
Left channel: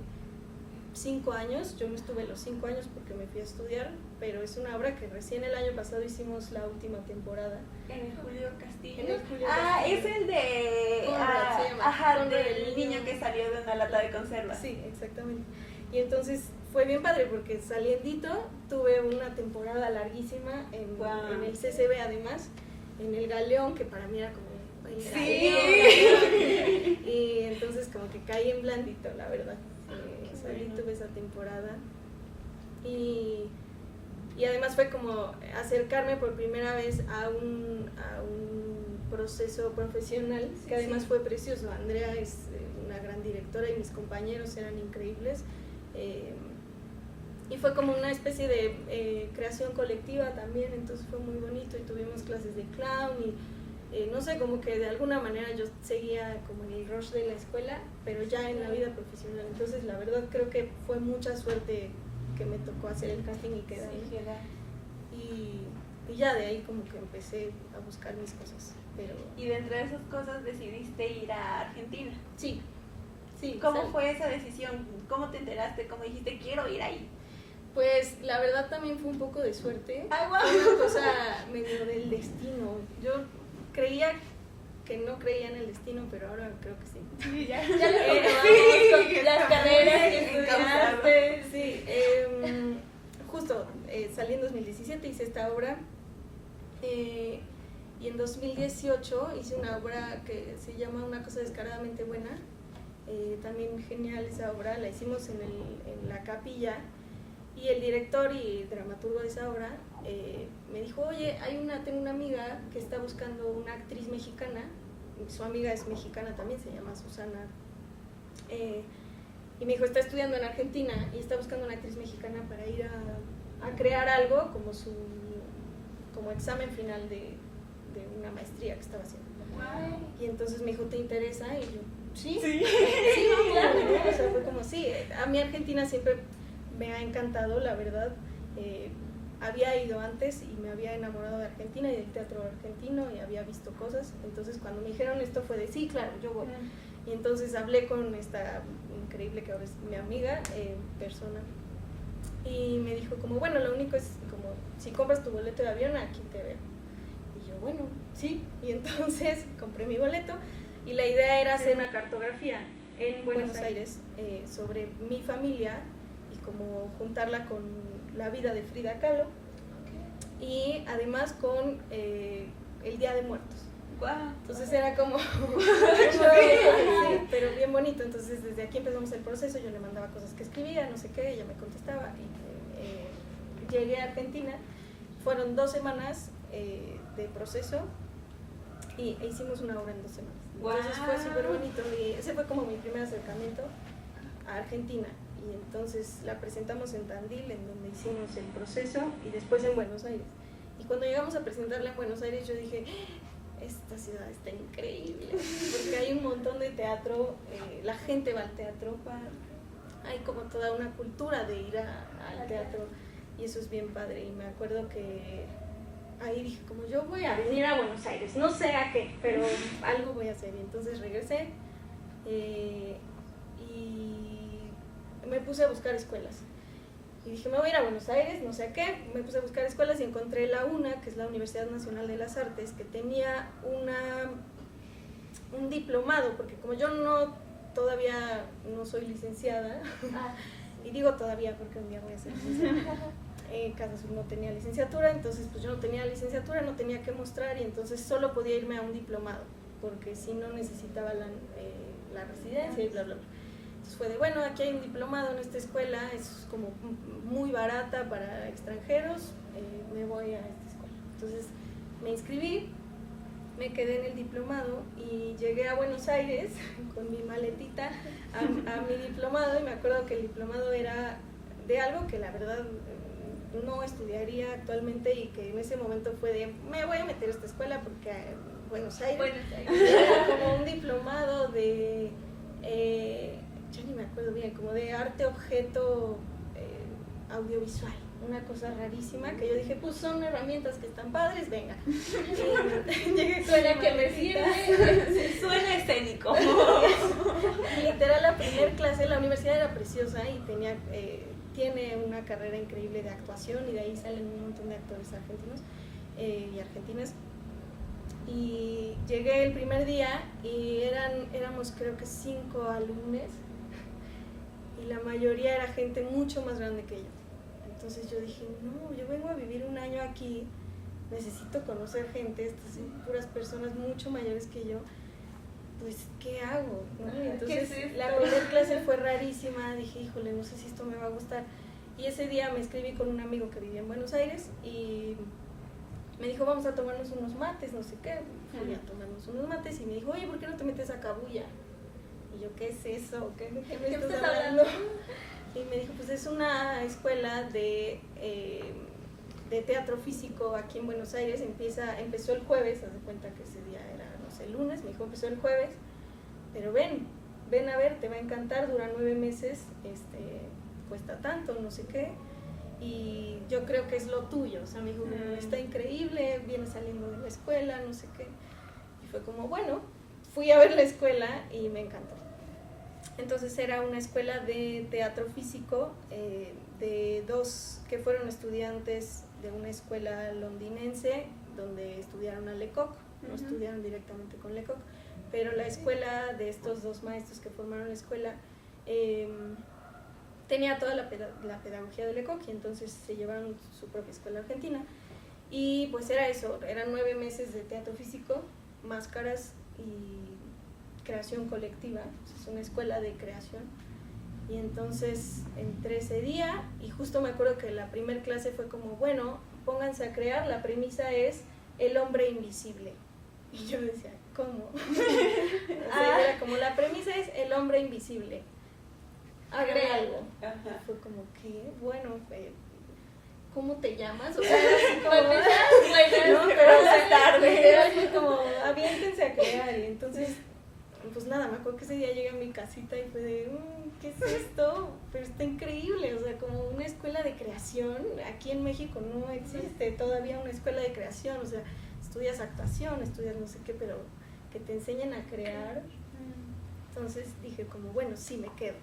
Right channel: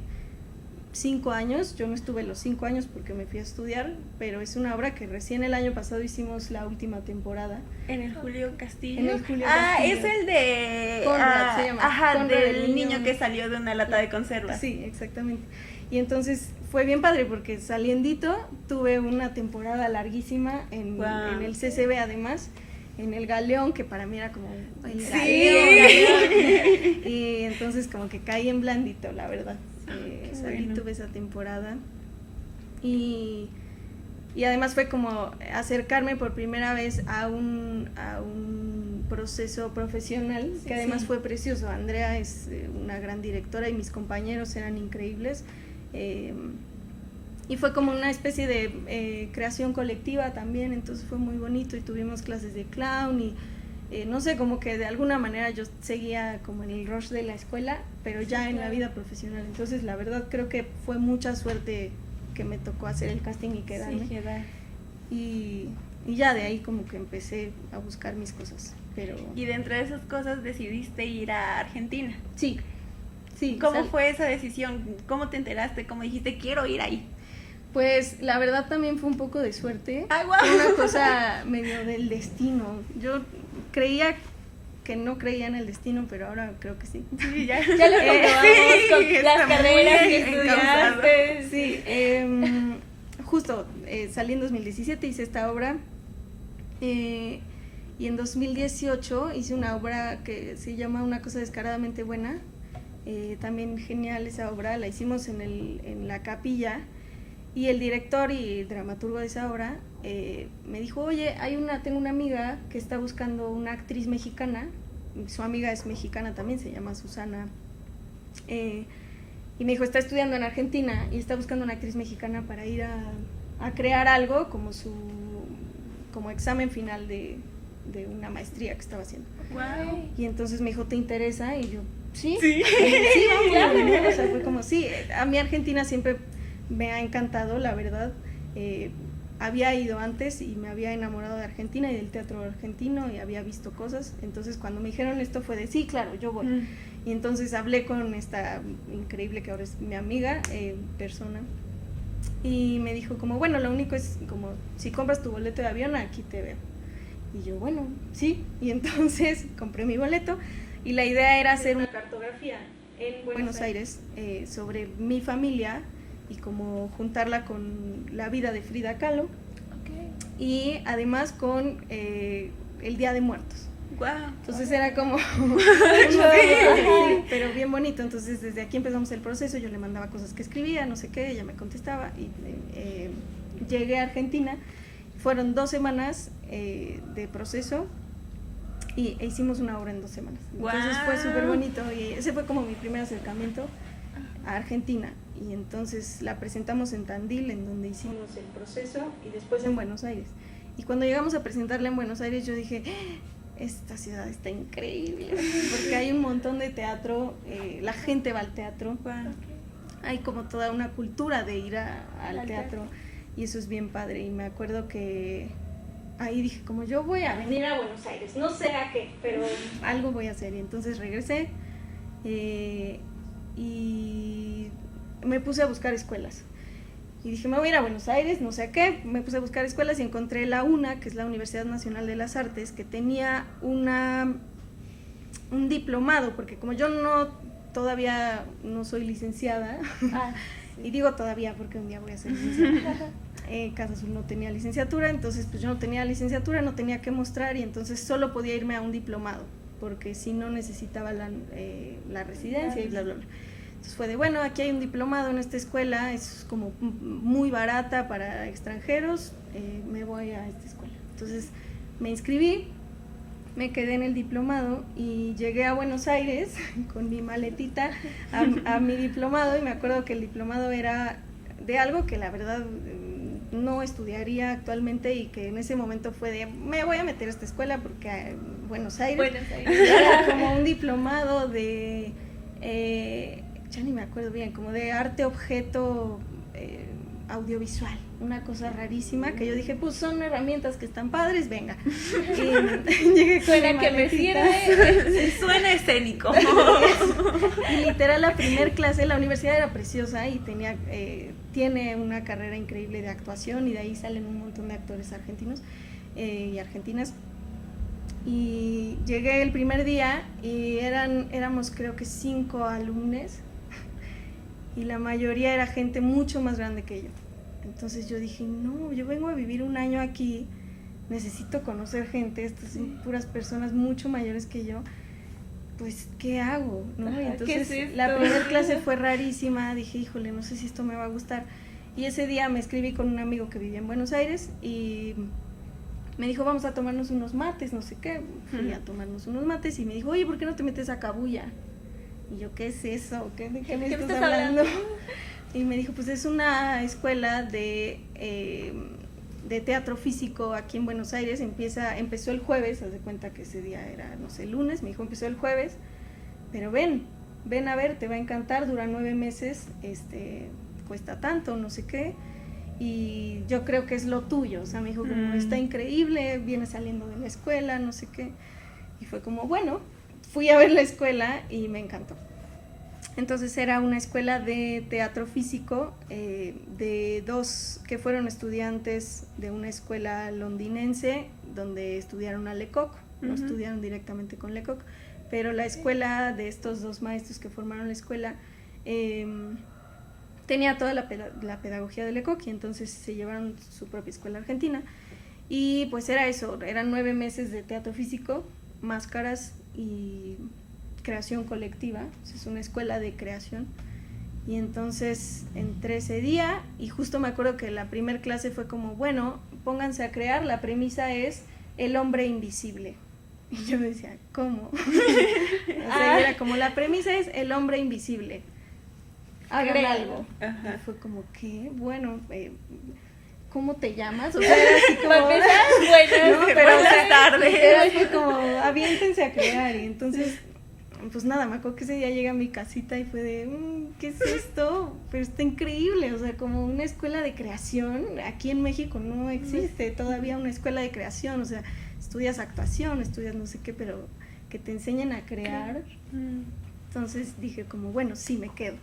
5 años. Yo no estuve los 5 años porque me fui a estudiar, pero es una obra que recién el año pasado hicimos la última temporada. En el Julio Castillo. En el Julio Castillo. Es el de... Conrad, se llama. Ajá, Conrad, del niño que salió de una lata de conserva. Sí, exactamente. Y entonces fue bien padre porque saliendito tuve una temporada larguísima en el CCB, además, en el Galeón, que para mí era como el Galeón. Y entonces como que caí en blandito, la verdad. Salí, tuve esa temporada y además fue como acercarme por primera vez a un proceso profesional que además fue precioso. Andrea es una gran directora y mis compañeros eran increíbles, y fue como una especie de creación colectiva también, entonces fue muy bonito y tuvimos clases de clown y no sé, como que de alguna manera yo seguía como en el rush de la escuela, pero ya en la vida profesional. Entonces la verdad creo que fue mucha suerte que me tocó hacer el casting y quedarme. Y ya de ahí como que empecé a buscar mis cosas. Pero... Y dentro de esas cosas decidiste ir a Argentina. Sí. ¿Cómo fue esa decisión? ¿Cómo te enteraste? ¿Cómo dijiste quiero ir ahí? Pues la verdad también fue un poco de suerte. Fue una cosa medio del destino. Yo creía que no creía en el destino, pero ahora creo que sí. Ya lo comprobamos con las carreras que estudiaste. Sí, justo salí en 2017, hice esta obra, y en 2018 hice una obra que se llama Una cosa descaradamente buena, también genial esa obra, la hicimos en la capilla, y el director y dramaturgo de esa obra me dijo, oye, tengo una amiga que está buscando una actriz mexicana, su amiga es mexicana también, se llama Susana, y me dijo, está estudiando en Argentina y está buscando una actriz mexicana para ir a crear algo como examen final de una maestría que estaba haciendo. Wow. Y entonces me dijo, ¿te interesa? Y yo, sí, vamos, claro. O sea, fue como, sí, a mí Argentina siempre me ha encantado, la verdad. Había ido antes y me había enamorado de Argentina y del teatro argentino y había visto cosas. Entonces cuando me dijeron esto fue de, sí, claro, yo voy. Y entonces hablé con esta increíble que ahora es mi amiga, persona, y me dijo como, bueno, lo único es como, si compras tu boleto de avión, aquí te veo. Y yo, bueno, sí. Y entonces compré mi boleto y la idea era hacer una cartografía en Buenos Aires sobre mi familia y como juntarla con la vida de Frida Kahlo, y además con el Día de Muertos. Wow. Entonces era como pero bien bonito. Entonces desde aquí empezamos el proceso, yo le mandaba cosas que escribía, no sé qué, ella me contestaba y llegué a Argentina. Fueron 2 semanas de proceso y hicimos una obra en 2 semanas. Entonces fue súper bonito y ese fue como mi primer acercamiento a Argentina. Y entonces la presentamos en Tandil, en donde hicimos el proceso, y después en Buenos Aires. Y cuando llegamos a presentarla en Buenos Aires yo dije, esta ciudad está increíble, porque hay un montón de teatro, la gente va al teatro, hay como toda una cultura de ir al teatro, y eso es bien padre. Y me acuerdo que ahí dije, como yo voy a venir a Buenos Aires, no sé a qué, pero algo voy a hacer. Y entonces regresé y me puse a buscar escuelas. Y dije, me voy a ir a Buenos Aires, no sé a qué. Me puse a buscar escuelas y encontré la UNA, que es la Universidad Nacional de las Artes, que tenía un diplomado, porque como yo todavía no soy licenciada, y digo todavía porque un día voy a ser licenciada, Casa Azul no tenía licenciatura, entonces pues yo no tenía licenciatura, no tenía que mostrar, y entonces solo podía irme a un diplomado, porque si no necesitaba la residencia y bla, bla, bla. Entonces fue de, bueno, aquí hay un diplomado en esta escuela, es como muy barata para extranjeros, me voy a esta escuela. Entonces me inscribí, me quedé en el diplomado y llegué a Buenos Aires con mi maletita a mi diplomado, y me acuerdo que el diplomado era de algo que la verdad no estudiaría actualmente, y que en ese momento fue de, me voy a meter a esta escuela porque Buenos Aires era como un diplomado de, ya ni me acuerdo bien, como de arte objeto audiovisual, una cosa rarísima, que yo dije, pues son herramientas que están padres, venga. Y llegué con Suena que me sirve. Suena escénico. Y literal, la primer clase, la universidad era preciosa y tiene una carrera increíble de actuación, y de ahí salen un montón de actores argentinos y argentinas. Y llegué el primer día y éramos creo que 5 alumnos, y la mayoría era gente mucho más grande que yo. Entonces yo dije, no, yo vengo a vivir un año aquí, necesito conocer gente, estas son puras personas mucho mayores que yo, pues ¿qué hago? ¿No? Y entonces la primera clase fue rarísima, dije, híjole, no sé si esto me va a gustar. Y ese día me escribí con un amigo que vivía en Buenos Aires y me dijo, vamos a tomarnos unos mates, no sé qué. Fui a tomarnos unos mates y me dijo, oye, ¿por qué no te metes a Cabuya? Y yo, ¿qué es eso? ¿De qué me estás hablando? Y me dijo, pues es una escuela de teatro físico aquí en Buenos Aires. Empezó el jueves, haz de cuenta que ese día era, no sé, el lunes. Me dijo, empezó el jueves, pero ven a ver, te va a encantar, dura 9 meses, cuesta tanto, no sé qué, y yo creo que es lo tuyo. O sea, me dijo, como está increíble, viene saliendo de la escuela, no sé qué. Y fue como, bueno, fui a ver la escuela y me encantó. Entonces era una escuela de teatro físico de 2 que fueron estudiantes de una escuela londinense donde estudiaron a Lecoq, no estudiaron directamente con Lecoq, pero la escuela de estos 2 maestros que formaron la escuela tenía toda la pedagogía de Lecoq, y entonces se llevaron su propia escuela argentina. Y pues era eso, eran 9 meses de teatro físico, máscaras y creación colectiva. Es una escuela de creación. Y entonces entré ese día y justo me acuerdo que la primera clase fue como, bueno, pónganse a crear, la premisa es el hombre invisible. Y yo decía, ¿cómo? Era como, la premisa es el hombre invisible, hagan algo. Y fue como, ¿qué? Bueno, ¿cómo te llamas? O sea, era así como, bueno, no, pero buenas tardes. era así como, aviéntense a crear. Y entonces, pues nada, me acuerdo que ese día llegué a mi casita y fue de, ¿qué es esto? Pero está increíble, o sea, como una escuela de creación. Aquí en México no existe todavía una escuela de creación, o sea, estudias actuación, estudias no sé qué, pero que te enseñen a crear. Entonces dije como, bueno, sí, me quedo.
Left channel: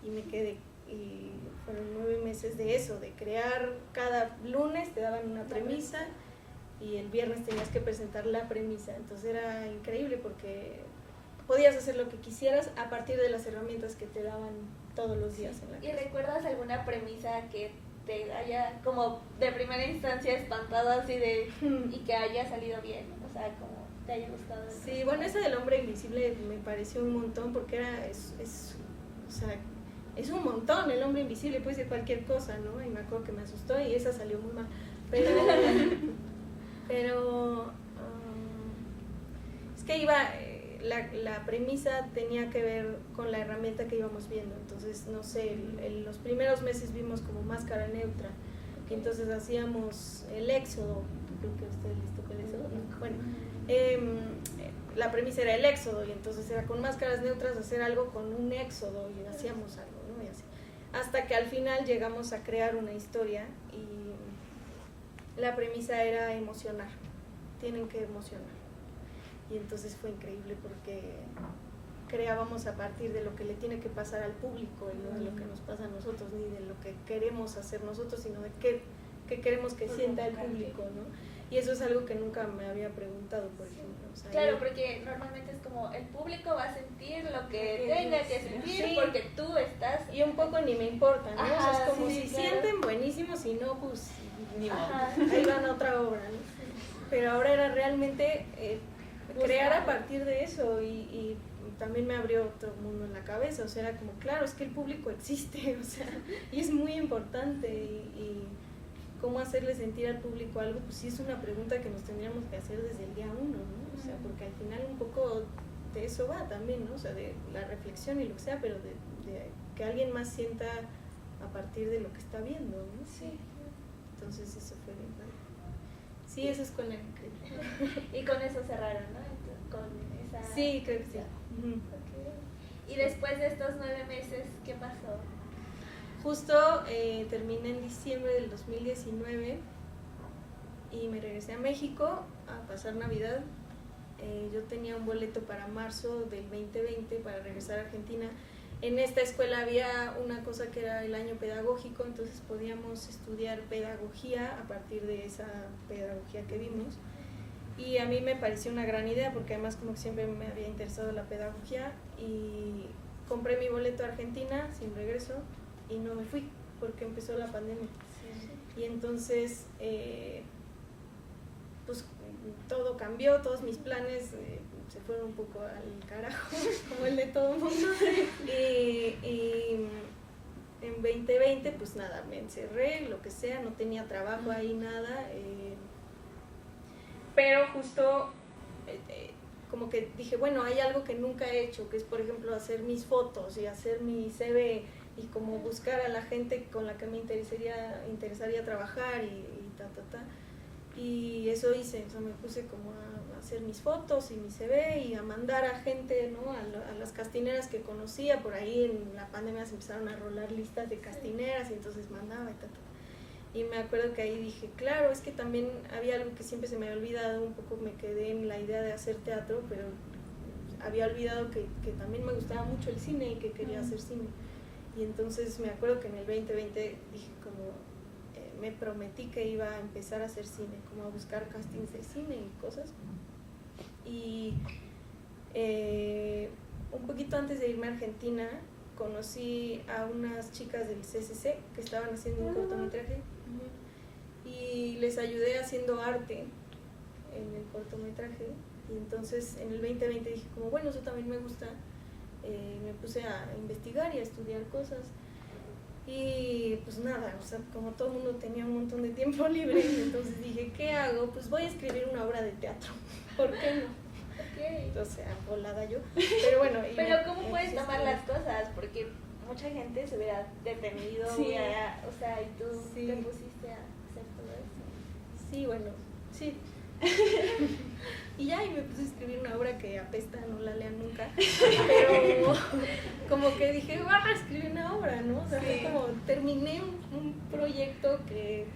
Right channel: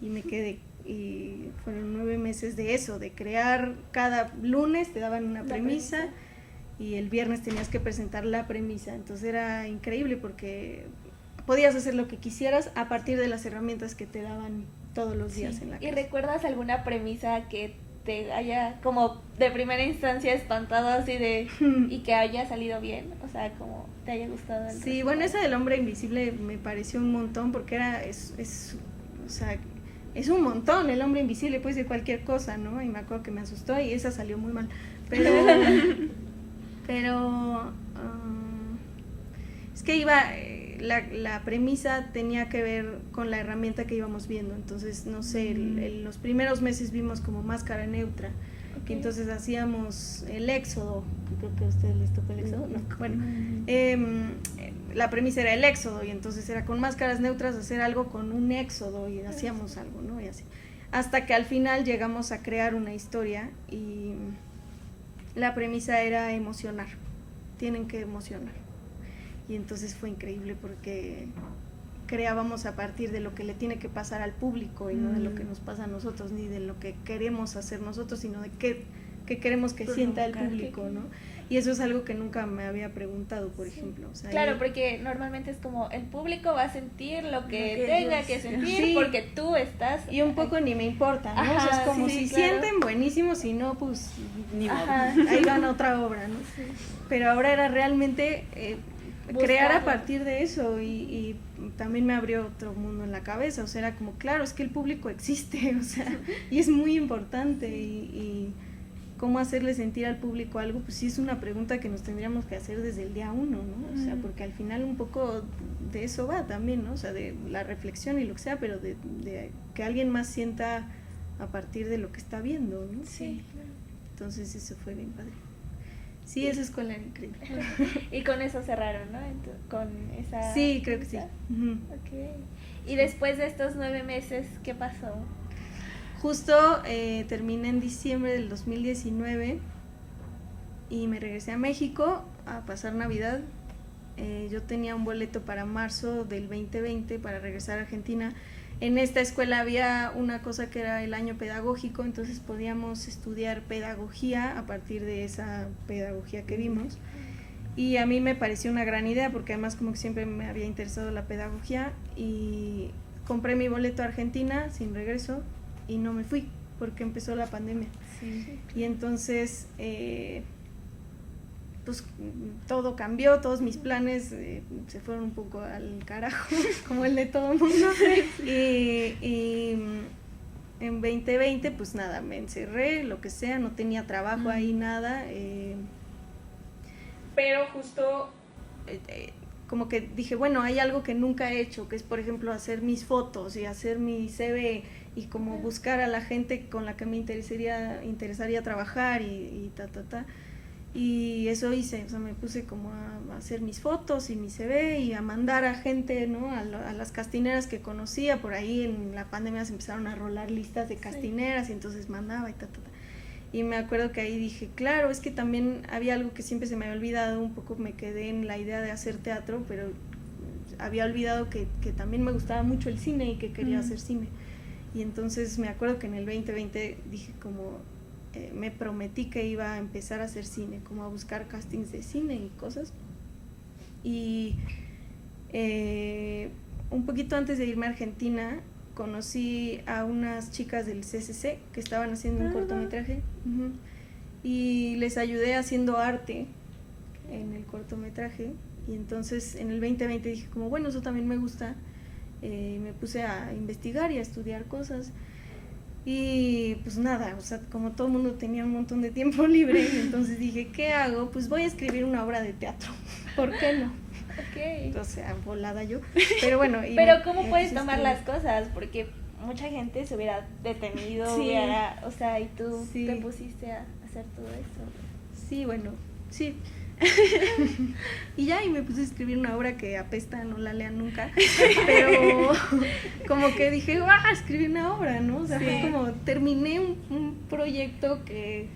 Y me quedé, y fueron 9 meses de eso, de crear. Cada lunes te daban una premisa y el viernes tenías que presentar la premisa. Entonces era increíble porque podías hacer lo que quisieras a partir de las herramientas que te daban todos los días en la clase. ¿Y recuerdas alguna premisa que te haya como de primera instancia espantado así de y que haya salido bien? O sea, como te haya gustado. Sí, bueno, esa del hombre invisible me pareció un montón porque o sea, es un montón. El hombre invisible puede ser cualquier cosa, ¿no? Y me acuerdo que me asustó y esa salió muy mal. Pero es que la premisa tenía que ver con la herramienta que íbamos viendo. Entonces, no sé, en los primeros meses vimos como máscara neutra. Okay. Entonces hacíamos el éxodo. Creo que a ustedes les tocó el éxodo, ¿no? Bueno, la premisa era el éxodo, y entonces era con máscaras neutras hacer algo con un éxodo, y hacíamos algo, ¿no? Y así. Hasta que al final llegamos a crear una historia y la premisa era emocionar. Tienen que emocionar. Y entonces fue increíble porque creábamos a partir de lo que le tiene que pasar al público y no de lo que nos pasa a nosotros, ni de lo que queremos hacer nosotros, sino de qué queremos que sienta el público, ¿no? Y eso es algo que nunca me había preguntado, por ejemplo. O sea, claro, porque normalmente es como el público va a sentir lo que tenga que sentir, porque tú estás... Y un poco ni me importa, ¿no? Ajá, o sea, es como sí, si claro. sienten buenísimo, si no, pues ni modo. Ahí van a otra obra, ¿no? Sí. Pero ahora era realmente crear a partir de eso y también me abrió otro mundo en la cabeza, o sea, era como, claro, es que el público existe, o sea, y es muy importante, y cómo hacerle sentir al público algo, pues sí es una pregunta que nos tendríamos que hacer desde el día uno, ¿no? O sea, porque al final un poco de eso va también, ¿no? O sea, de la reflexión y lo que sea, pero de que alguien más sienta a partir de lo que está viendo, ¿no? Sí. Entonces eso fue bien padre. Sí, esa escuela era increíble. Y con eso cerraron, ¿no? Con esa... Sí, creo que sí. Uh-huh. Okay. Y después de estos 9 meses, ¿qué pasó? Justo terminé en diciembre del 2019 y me regresé a México a pasar Navidad. Yo tenía un boleto para marzo del 2020 para regresar a Argentina. En esta escuela había una cosa que era el año pedagógico, entonces podíamos estudiar pedagogía a partir de esa pedagogía que vimos. Y a mí me pareció una gran idea porque además como que siempre me había interesado la pedagogía, y compré mi boleto a Argentina sin regreso y no me fui porque empezó la pandemia. Sí. Y entonces pues todo cambió, todos mis planes se fueron un poco al carajo, como el de todo el mundo. Y en 2020 pues nada, me encerré, lo que sea, no tenía trabajo ahí, nada. Pero justo como que dije, bueno, hay algo que nunca he hecho, que es por ejemplo hacer mis fotos y hacer mi CV y como buscar a la gente con la que me interesaría trabajar y ta. Y eso hice, o sea, me puse como a hacer mis fotos y mi CV y a mandar a gente, ¿no? A las castineras que conocía. Por ahí en la pandemia se empezaron a rolar listas de castineras, y entonces mandaba y ta. Y me acuerdo que ahí dije, claro, es que también había algo que siempre se me había olvidado, un poco me quedé en la idea de hacer teatro, pero había olvidado que también me gustaba mucho el cine y que quería hacer cine. Y entonces me acuerdo que en el 2020 dije como, me prometí que iba a empezar a hacer cine, como a buscar castings de cine y cosas. Y un poquito antes de irme a Argentina, conocí a unas chicas del CCC que estaban haciendo un cortometraje, y les ayudé haciendo arte en el cortometraje. Y entonces en el 2020 dije como, bueno, eso también me gusta. Me puse a investigar y a estudiar cosas. Y pues nada, o sea, como todo el mundo tenía un montón de tiempo libre, y entonces dije, ¿qué hago? Pues voy a escribir una obra de teatro, ¿por qué no? Okay. Entonces, volada yo, pero bueno. Pero ¿cómo puedes tomar las cosas? Porque mucha gente se hubiera detenido, sí. O sea, y tú sí. te pusiste a hacer todo eso. Sí, bueno, sí. Y ya, y me puse a escribir una obra que apesta, no la lean nunca, pero como que dije, escribí una obra, ¿no? O sea, fue como, terminé un proyecto que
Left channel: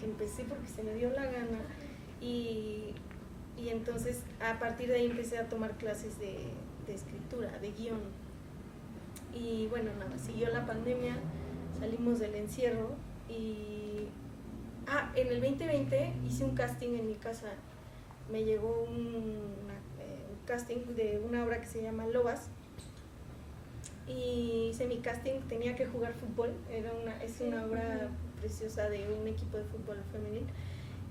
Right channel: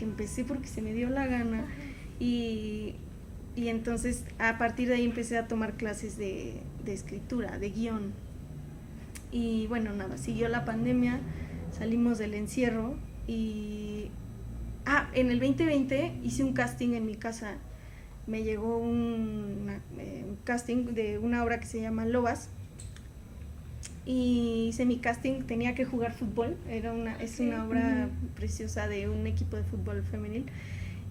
empecé porque se me dio la gana, y entonces a partir de ahí empecé a tomar clases de escritura, de guión. Y bueno, nada, siguió la pandemia, salimos del encierro, y en el 2020 hice un casting en mi casa. Me llegó un casting de una obra que se llama Lobas, y hice mi casting, tenía que jugar fútbol, es una obra preciosa de un equipo de fútbol femenil,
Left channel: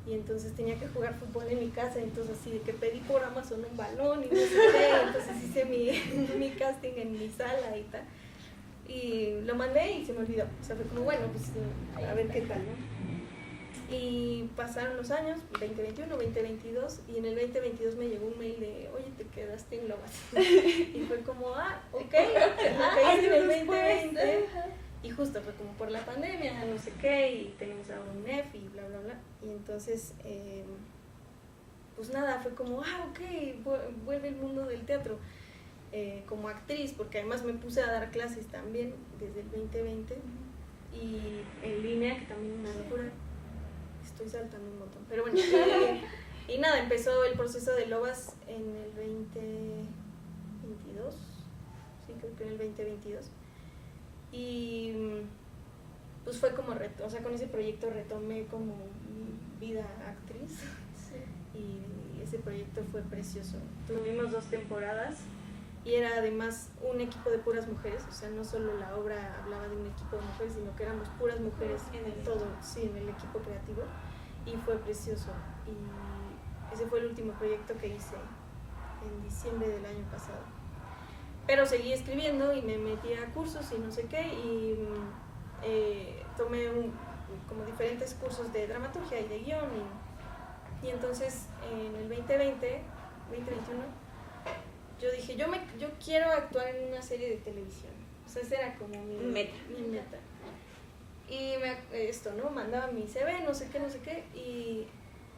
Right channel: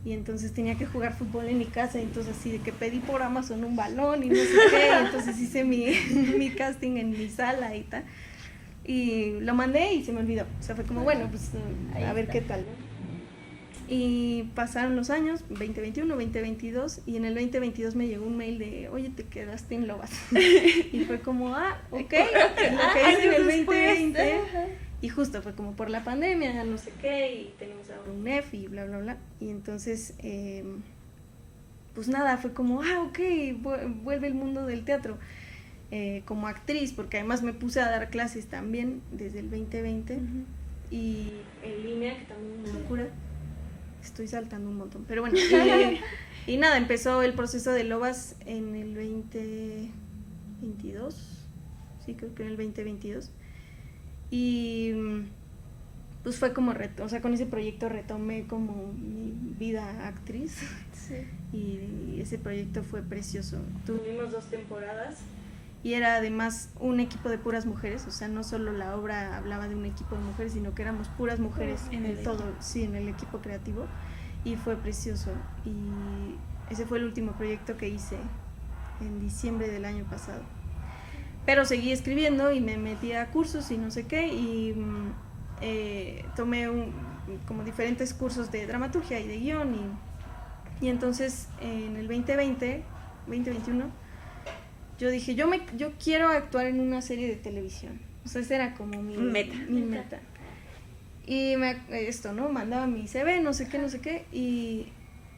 y entonces tenía que jugar fútbol en mi casa, entonces así de que pedí por Amazon un balón y no sé qué, y entonces hice mi casting en mi sala y tal, y lo mandé y se me olvidó, o sea, fue como, bueno, pues a ver qué tal, ¿no? Y pasaron los años, 2021, 2022, y en el 2022 me llegó un mail de, oye, te quedaste en Lobas. Y fue como, ok, lo que hice en el 2020. Y justo fue como por la pandemia, no sé qué, y tenemos ahora un NEF y bla, bla, bla. Y entonces, pues nada, fue como, ok, vuelve el mundo del teatro. Como actriz, porque además me puse a dar clases también desde el 2020, y en línea, que también es una locura. Estoy saltando un montón, pero bueno, y nada, empezó el proceso de Lobas en el 2022, sí, creo que en el 2022, y pues fue como o sea, con ese proyecto retomé como mi vida actriz, y ese proyecto fue precioso. Tuvimos 2 temporadas, y era además un equipo de puras mujeres, o sea, no solo la obra hablaba de un equipo de mujeres, sino que éramos puras mujeres en el equipo creativo, y fue precioso. Y ese fue el último proyecto que hice en diciembre del año pasado. pero seguí escribiendo y me metí a cursos y no sé qué, y tomé como diferentes cursos de dramaturgia y de guión, y entonces en el 2021, yo dije, yo quiero actuar en una serie de televisión. O sea, esa era como mi meta. Y mandaba mi CV, no sé qué, y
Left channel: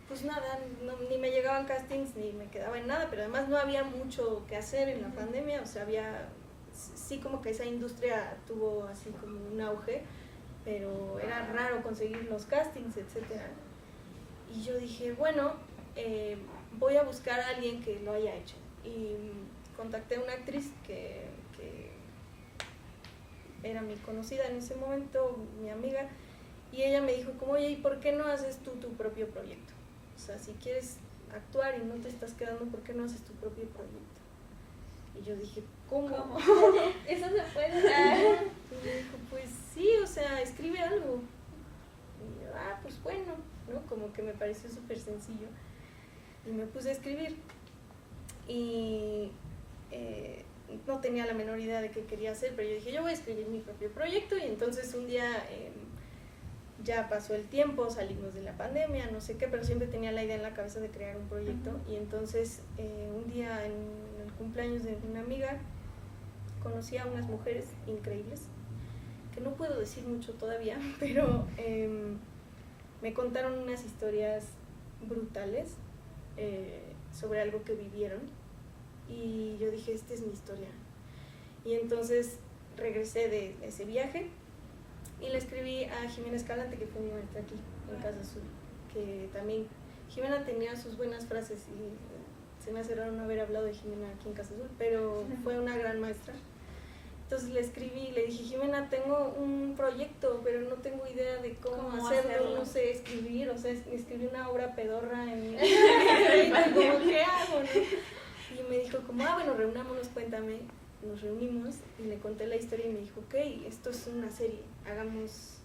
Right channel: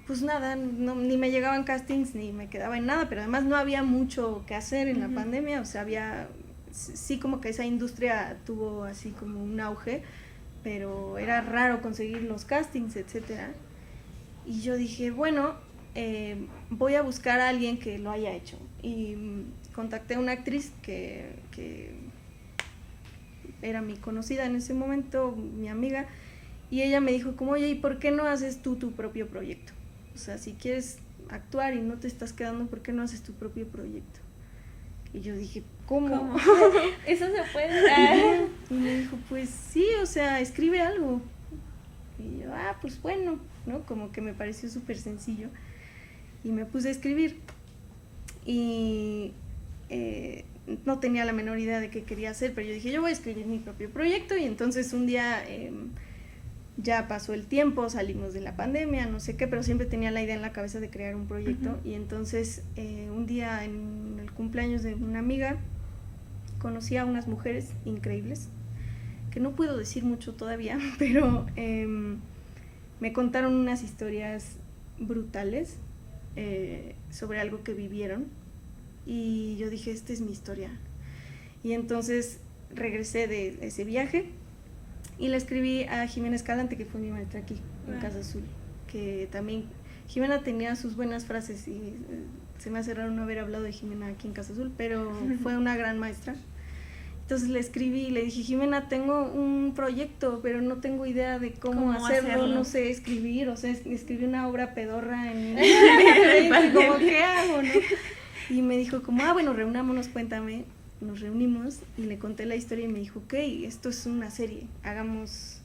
pues nada, ni me llegaban castings, ni me quedaba en nada, pero además no había mucho que hacer en la pandemia, o sea, sí como que esa industria tuvo así como un auge, pero era raro conseguir los castings, etcétera. Y yo dije, bueno, voy a buscar a alguien que lo haya hecho. Y contacté a una actriz que era mi conocida en ese momento, mi amiga, y ella me dijo como, oye, ¿y por qué no haces tú tu propio proyecto? O sea, si quieres actuar y no te estás quedando, ¿por qué no haces tu propio proyecto? Y yo dije, ¿Cómo? ¿Eso se puede? Y me dijo, pues sí, o sea, escribe algo. Y yo, pues bueno, ¿no? Como que me pareció súper sencillo. Y me puse a escribir. Y no tenía la menor idea de qué quería hacer, pero yo dije, yo voy a escribir mi propio proyecto. Y entonces un día ya pasó el tiempo, salimos de la pandemia, no sé qué, pero siempre tenía la idea en la cabeza de crear un proyecto. Uh-huh. Y entonces un día en el cumpleaños de una amiga conocí a unas mujeres increíbles, que no puedo decir mucho todavía, pero me contaron unas historias brutales sobre algo que vivieron, y yo dije, esta es mi historia. Y entonces regresé de ese viaje y le escribí a Jimena Escalante, que fue mi maestra aquí en Casa Azul, que también Jimena tenía sus buenas frases, y se me hace raro no haber hablado de Jimena aquí en Casa Azul, pero fue una gran maestra. Entonces le escribí y le dije, Jimena, tengo un proyecto, pero no tengo idea de cómo hacerlo, no sé escribir, o sea, escribí una obra pedorra en como, ¿qué hago, no? Y me dijo como, bueno, reunámonos, cuéntame. Nos reunimos y le conté la historia y me dijo, ok, esto es una serie, hagamos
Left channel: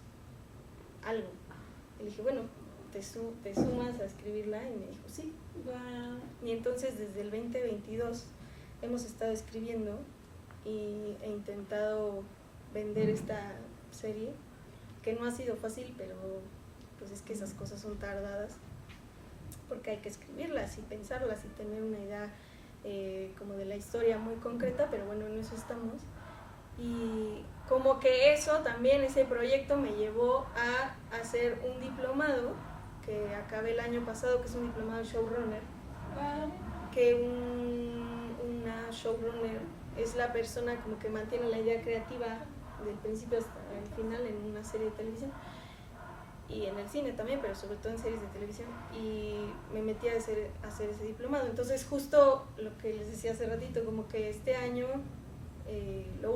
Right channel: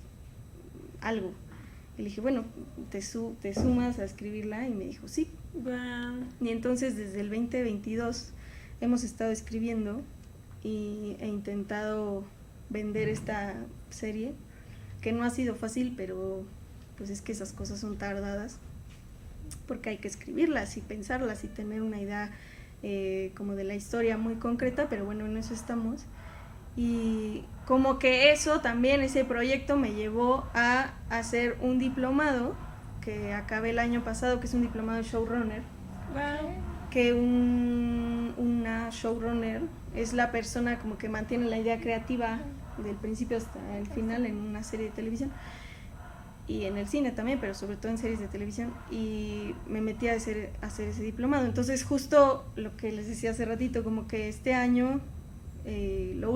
algo. Y le dije, bueno, te sumas a escribirla, y me dijo, sí. Wow. Y entonces desde el 2022 hemos estado escribiendo e intentado vender esta serie, que no ha sido fácil, pero pues es que esas cosas son tardadas, porque hay que escribirlas y pensarlas y tener una idea como de la historia muy concreta, pero bueno, en eso estamos. Y como que eso también, ese proyecto me llevó a hacer un diplomado que acabé el año pasado, que es un diplomado de showrunner. Wow. Que una showrunner es la persona como que mantiene la idea creativa del principio hasta el final en una serie de televisión, y en el cine también, pero sobre todo en series de televisión. Y me metí a hacer ese diplomado. Entonces justo lo que les decía hace ratito, como que este año lo